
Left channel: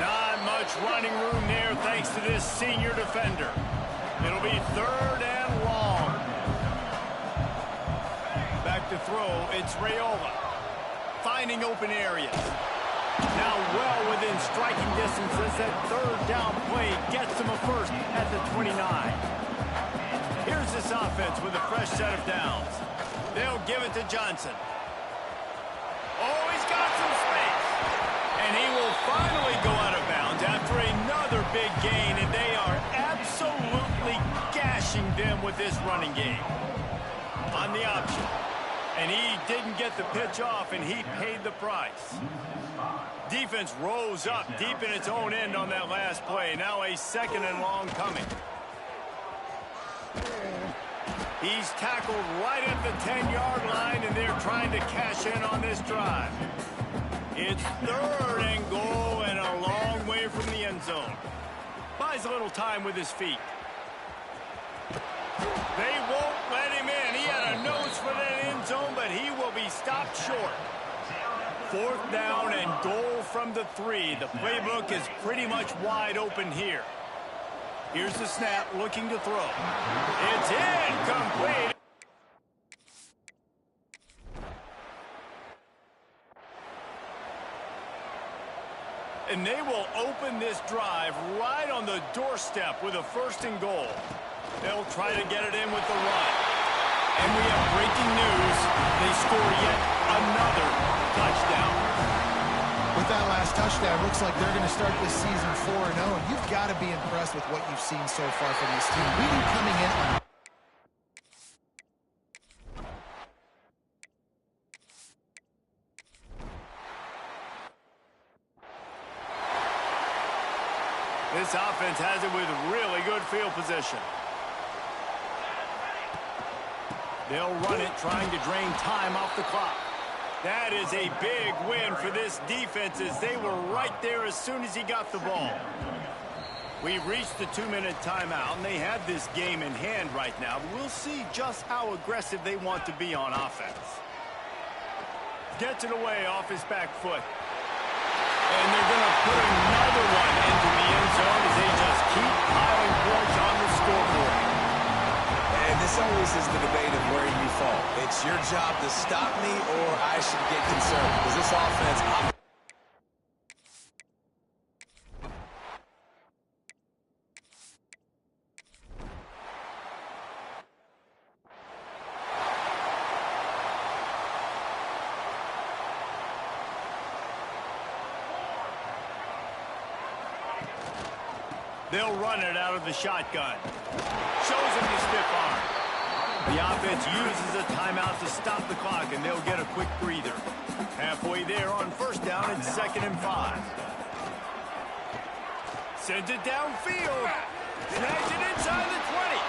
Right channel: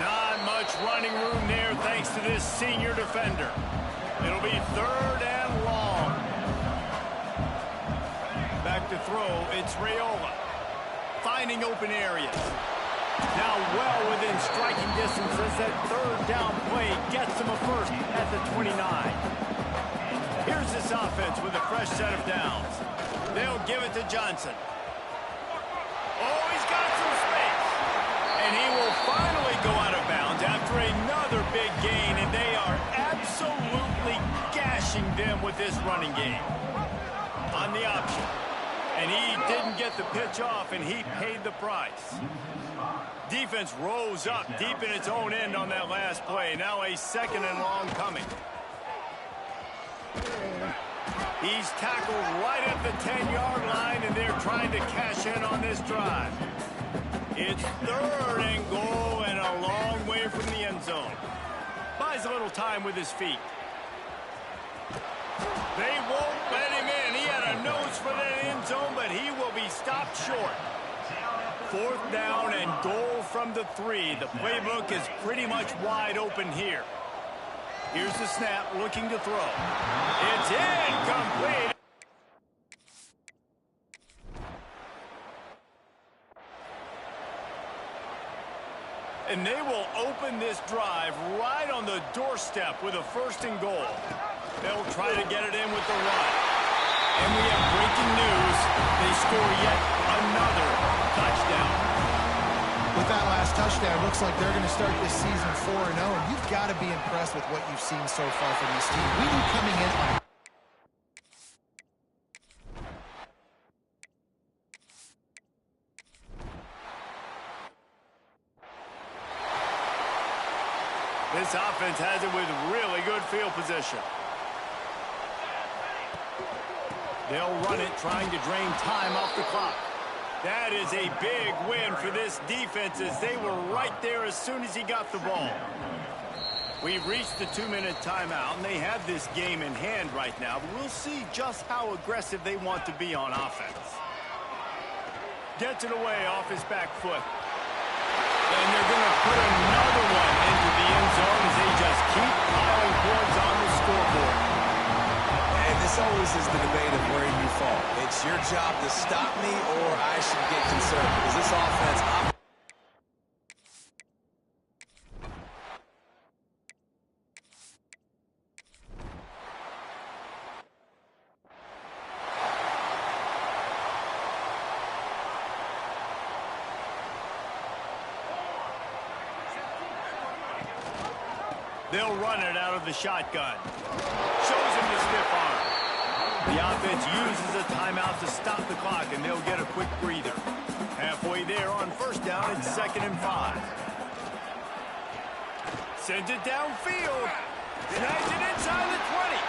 Not much running room there thanks to this senior defender. It'll be third and long. Back to throw, it's Raiola. Finding open areas. Now well within striking distance as that third down play gets him a first at the 29. Here's this offense with a fresh set of downs. They'll give it to Johnson. Oh, he's got some space. And he will finally go out of bounds after another big gain, and they are absolutely gashing them with this running game. On the option. And he didn't get the pitch off, and he paid the price. Defense rose up deep in its own end on that last play. Now a second and long coming. He's tackled right at the 10-yard line, and they're trying to cash in on this drive. It's third and goal and a long way from the end zone. Buys a little time with his feet. They won't let him in. He had a nose for that end zone, but he will be stopped short. Fourth down and goal from the 3. The playbook is pretty much wide open here. Here's the snap, looking to throw. It's incomplete. And they will open this drive right on the doorstep with a first and goal. They'll try to get it in with the run. And we have breaking news. They score yet another touchdown. With that last touchdown, looks like they're going to start this season 4-0. And you've got to be impressed with what you've seen so far from this team. We knew coming in on... This offense has it with really good field position. They'll run it, trying to drain time off the clock. That is a big win for this defense as they were right there as soon as he got the ball. We've reached the 2-minute timeout, and they have this game in hand right now. But we'll see just how aggressive they want to be on offense. Gets it away off his back foot. And they're going to put another one into the end zone as they just keep piling points on the scoreboard. And this always is the debate of where you fall. It's your job to stop me or I should get concerned because this offense... They'll run it out of the shotgun. Shows him the stiff arm. The offense uses a timeout to stop the clock, and they'll get a quick breather. Halfway there on first down, it's 2nd and 5. Sends it downfield. Snags it inside the 20.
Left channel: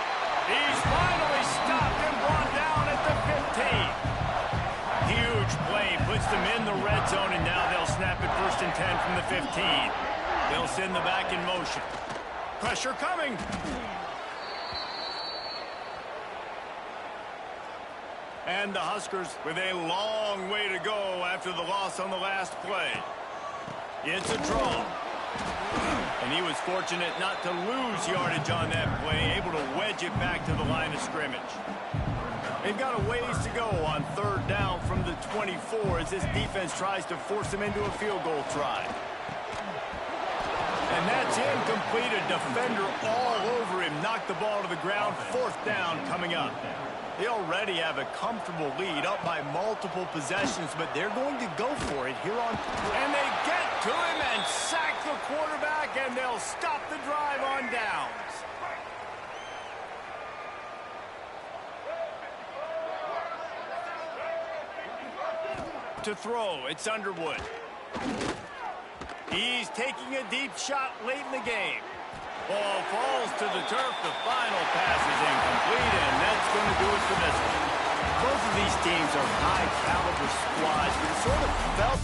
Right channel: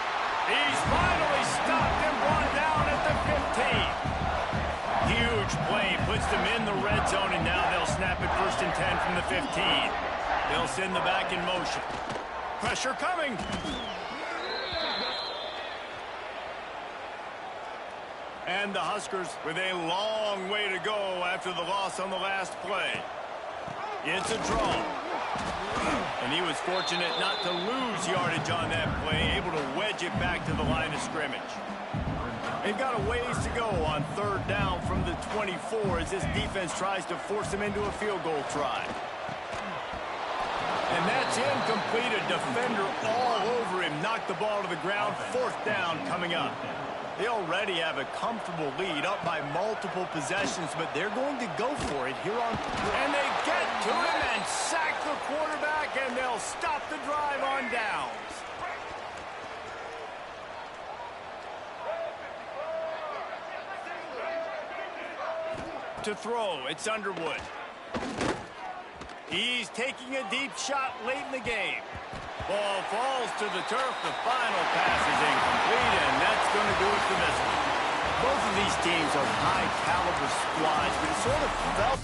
He's finally stopped and brought down at the 15. Huge play, puts them in the red zone, and now they'll snap it 1st and 10 from the 15. They'll send the back in motion. Pressure coming. And the Huskers with a long way to go after the loss on the last play. It's a draw. And he was fortunate not to lose yardage on that play, able to wedge it back to the line of scrimmage. They've got a ways to go on 3rd down from the 24 as this defense tries to force them into a field goal try. And that's incomplete. A defender all over him. Knocked the ball to the ground. 4th down coming up. They already have a comfortable lead, up by multiple possessions, but they're going to go for it here on. And they get to him and sack the quarterback, and they'll stop the drive on downs. To throw, it's Underwood. He's taking a deep shot late in the game. Ball falls to the turf. The final pass is incomplete, and that's going to do it for this one. Both of these teams are high-caliber squads, but it sort of felt...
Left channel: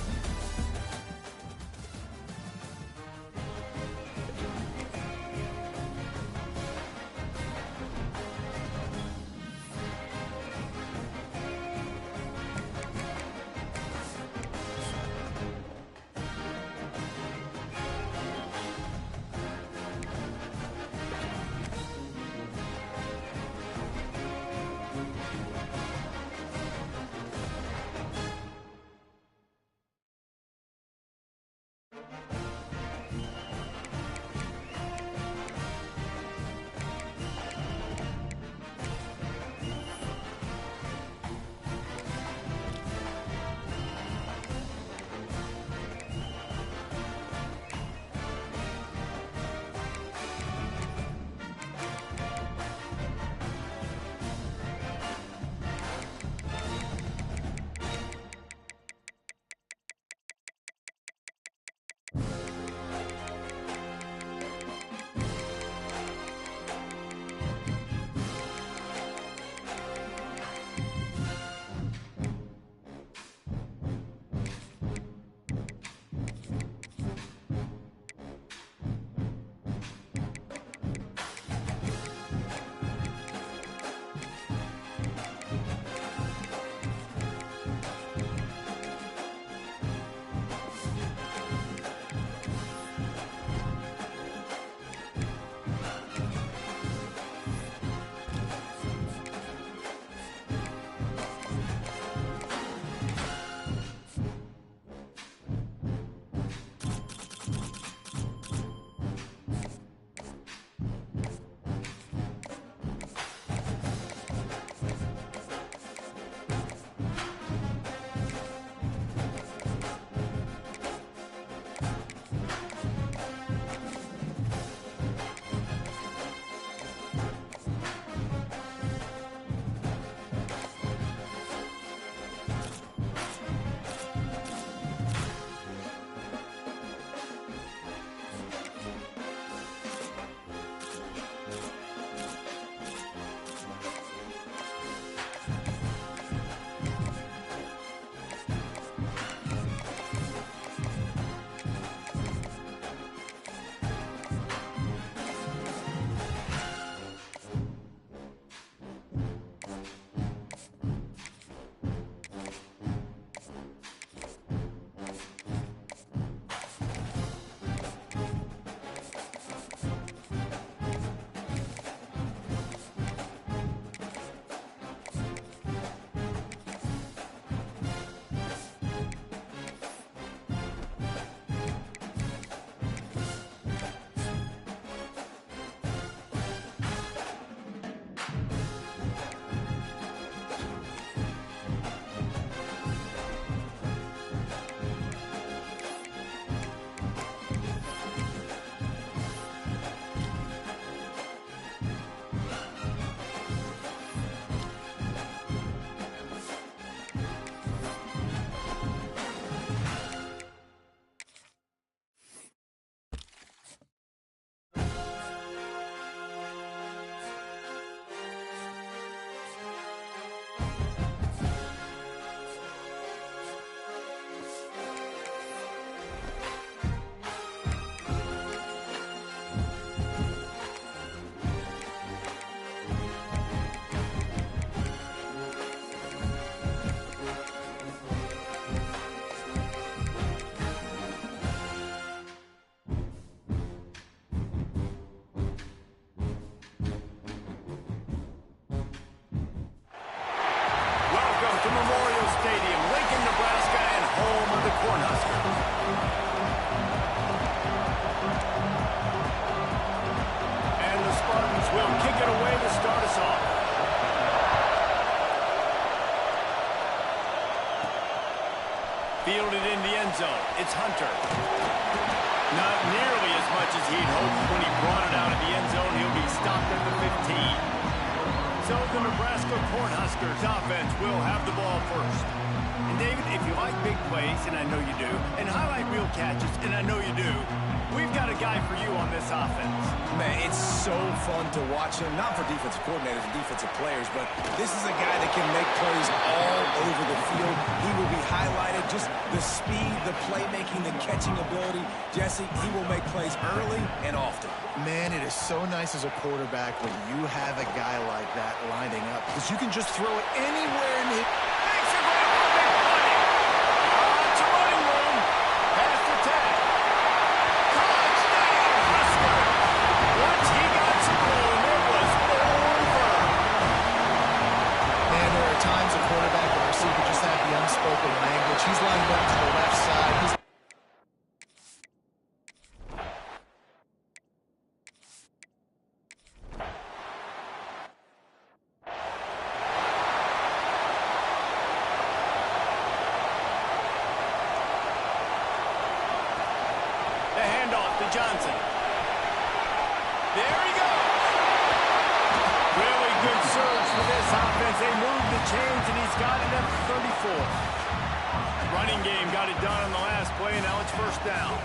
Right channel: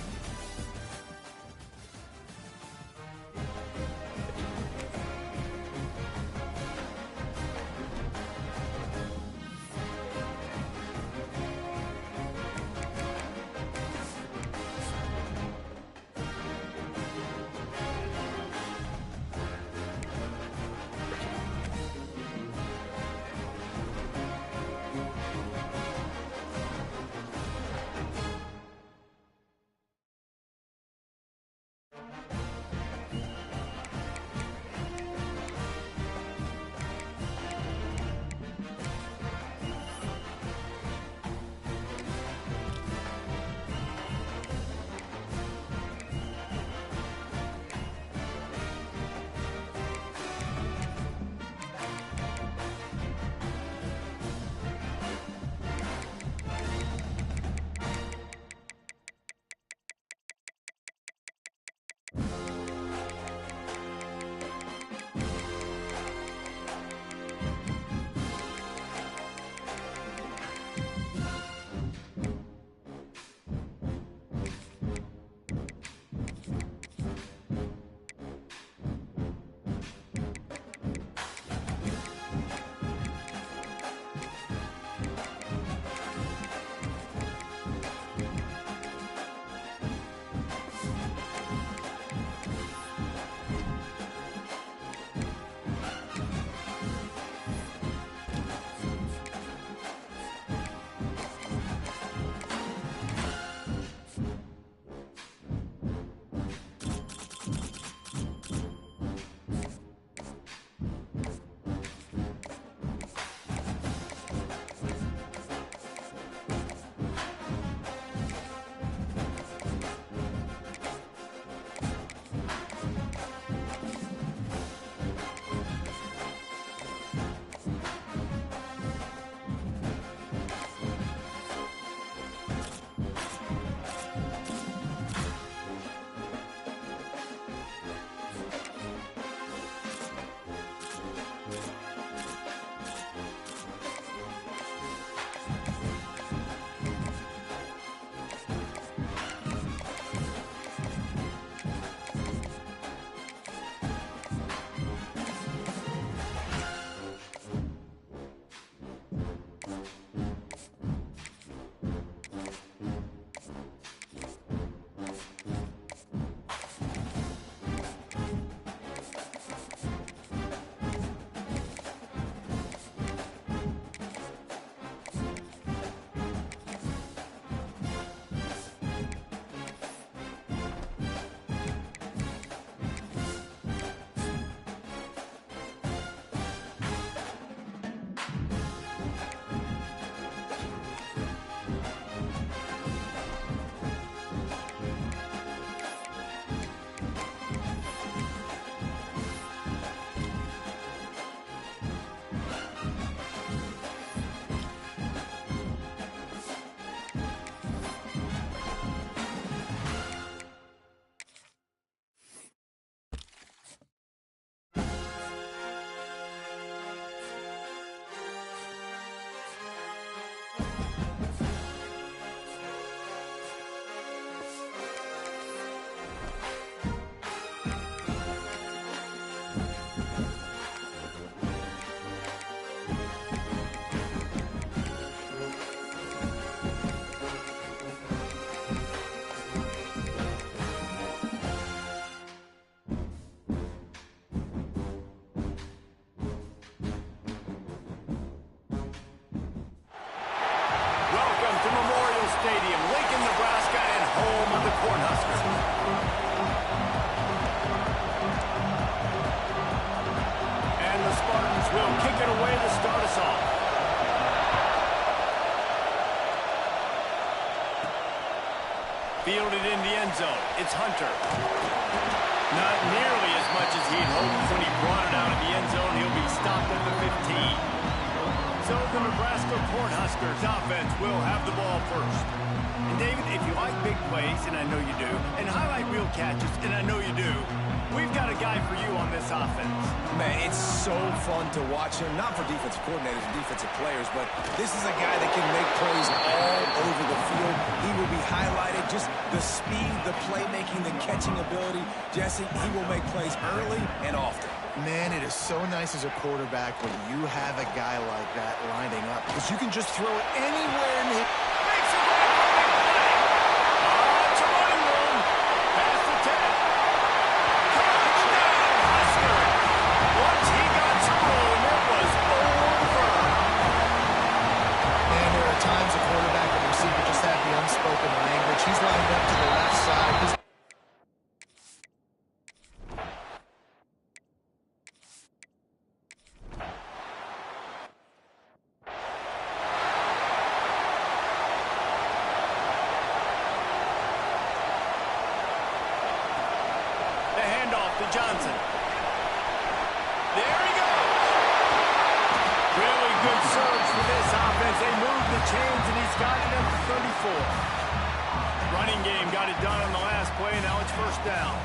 Welcome to Memorial Stadium, Lincoln, Nebraska, and home of the Cornhuskers. And the Spartans will kick it away to start us off. Fielded in the end zone. It's Hunter. Not nearly as much as he'd hoped when he brought it out of the end zone. He'll be stopped at the 15. So the Nebraska Cornhuskers offense will have the ball first. And David, if you like big plays, and I know you do, and highlight reel catches, and I know you do, we've got a guy for you on this offense. Man, it's so fun to watch him, not for defensive coordinators and defensive players, but this is a guy that can make plays all over the field. He will be highlighted, just the speed, the playmaking, the catching ability. Jesse, he will make plays early and often. Man, it is so nice as a quarterback when you have a guy like that lining up, because you can just throw it anywhere and hit. Makes a grab for a big play. It's a running room. Past the 10. Touchdown, Husker. Once he got some room, it was over. Man, there are times a quarterback and receiver just have the unspoken language. He's lined up to the left side. The handoff to Johnson. There he goes. Really good surge for this offense. They moved the chains, and he's got it at the 34. Running game got it done on the last play, and now it's first down.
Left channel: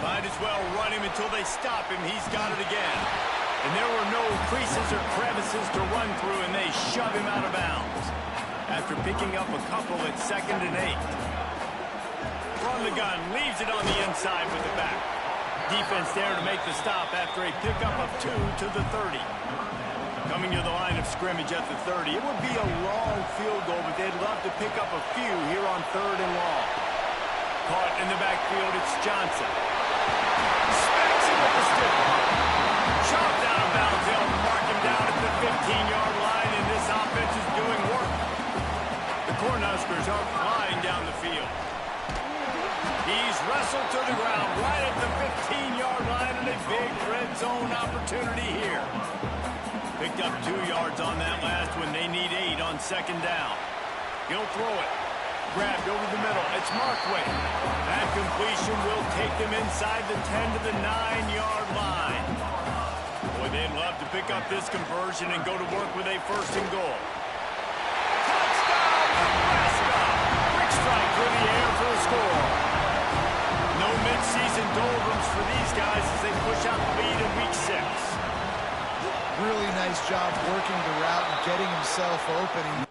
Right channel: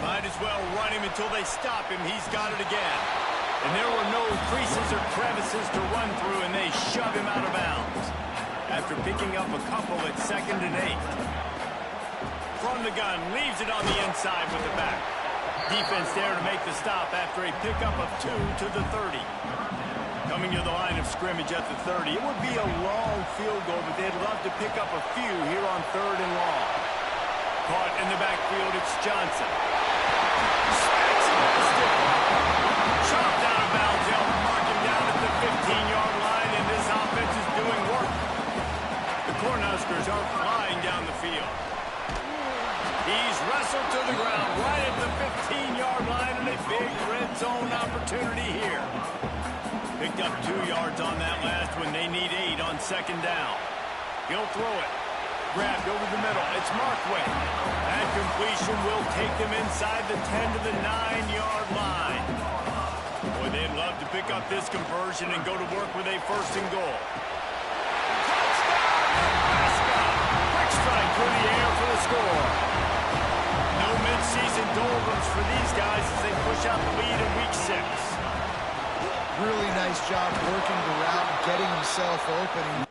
Might as well run him until they stop him. He's got it again. And there were no creases or crevices to run through, and they shove him out of bounds. After picking up a couple at 2nd and 8. From the gun, leaves it on the inside with the back. Defense there to make the stop after a pickup of 2 to the 30. Coming to the line of scrimmage at the 30. It would be a long field goal, but they'd love to pick up a few here on 3rd and long. Caught in the backfield, it's Johnson. Smacks him with the stiff arm. Chopped out of bounds. They'll mark him down at the 15-yard line, and this offense is doing work. The Cornhuskers are flying down the field. He's wrestled to the ground right at the 15-yard line, and a big red zone opportunity here. Picked up 2 yards on that last one. They need 8 on 2nd down. He'll throw it. Grabbed over the middle. It's Markway. That completion will take them inside the 10 to the 9-yard line. Boy, they'd love to pick up this conversion and go to work with a 1st and goal. Touchdown, Nebraska! Quick strike through the air for the score. No mid-season doldrums for these guys as they push out the lead in week 6. Really nice job working the route and getting himself open.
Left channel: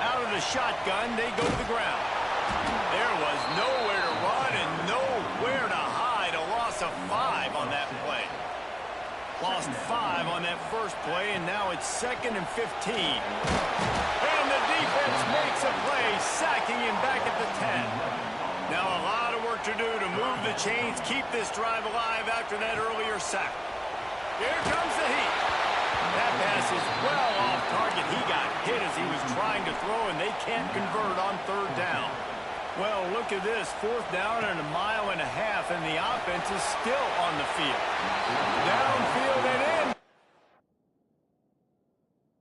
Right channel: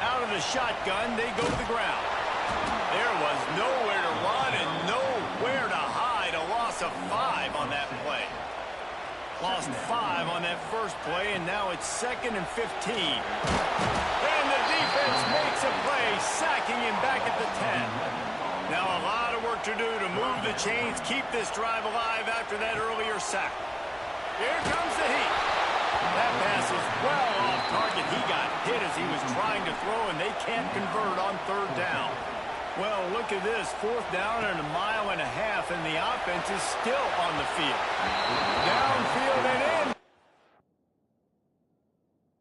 Out of the shotgun, they go to the ground. There was nowhere to run and nowhere to hide. A loss of 5 on that play. Lost 5 on that first play, and now it's 2nd and 15. And the defense makes a play, sacking him back at the 10. Now a lot of work to do to move the chains, keep this drive alive after that earlier sack. Here comes the heat. That pass is well off target. He got hit as he was trying to throw, and they can't convert on 3rd down. Well, look at this. 4th down and 1.5 miles, and the offense is still on the field. Downfield and in.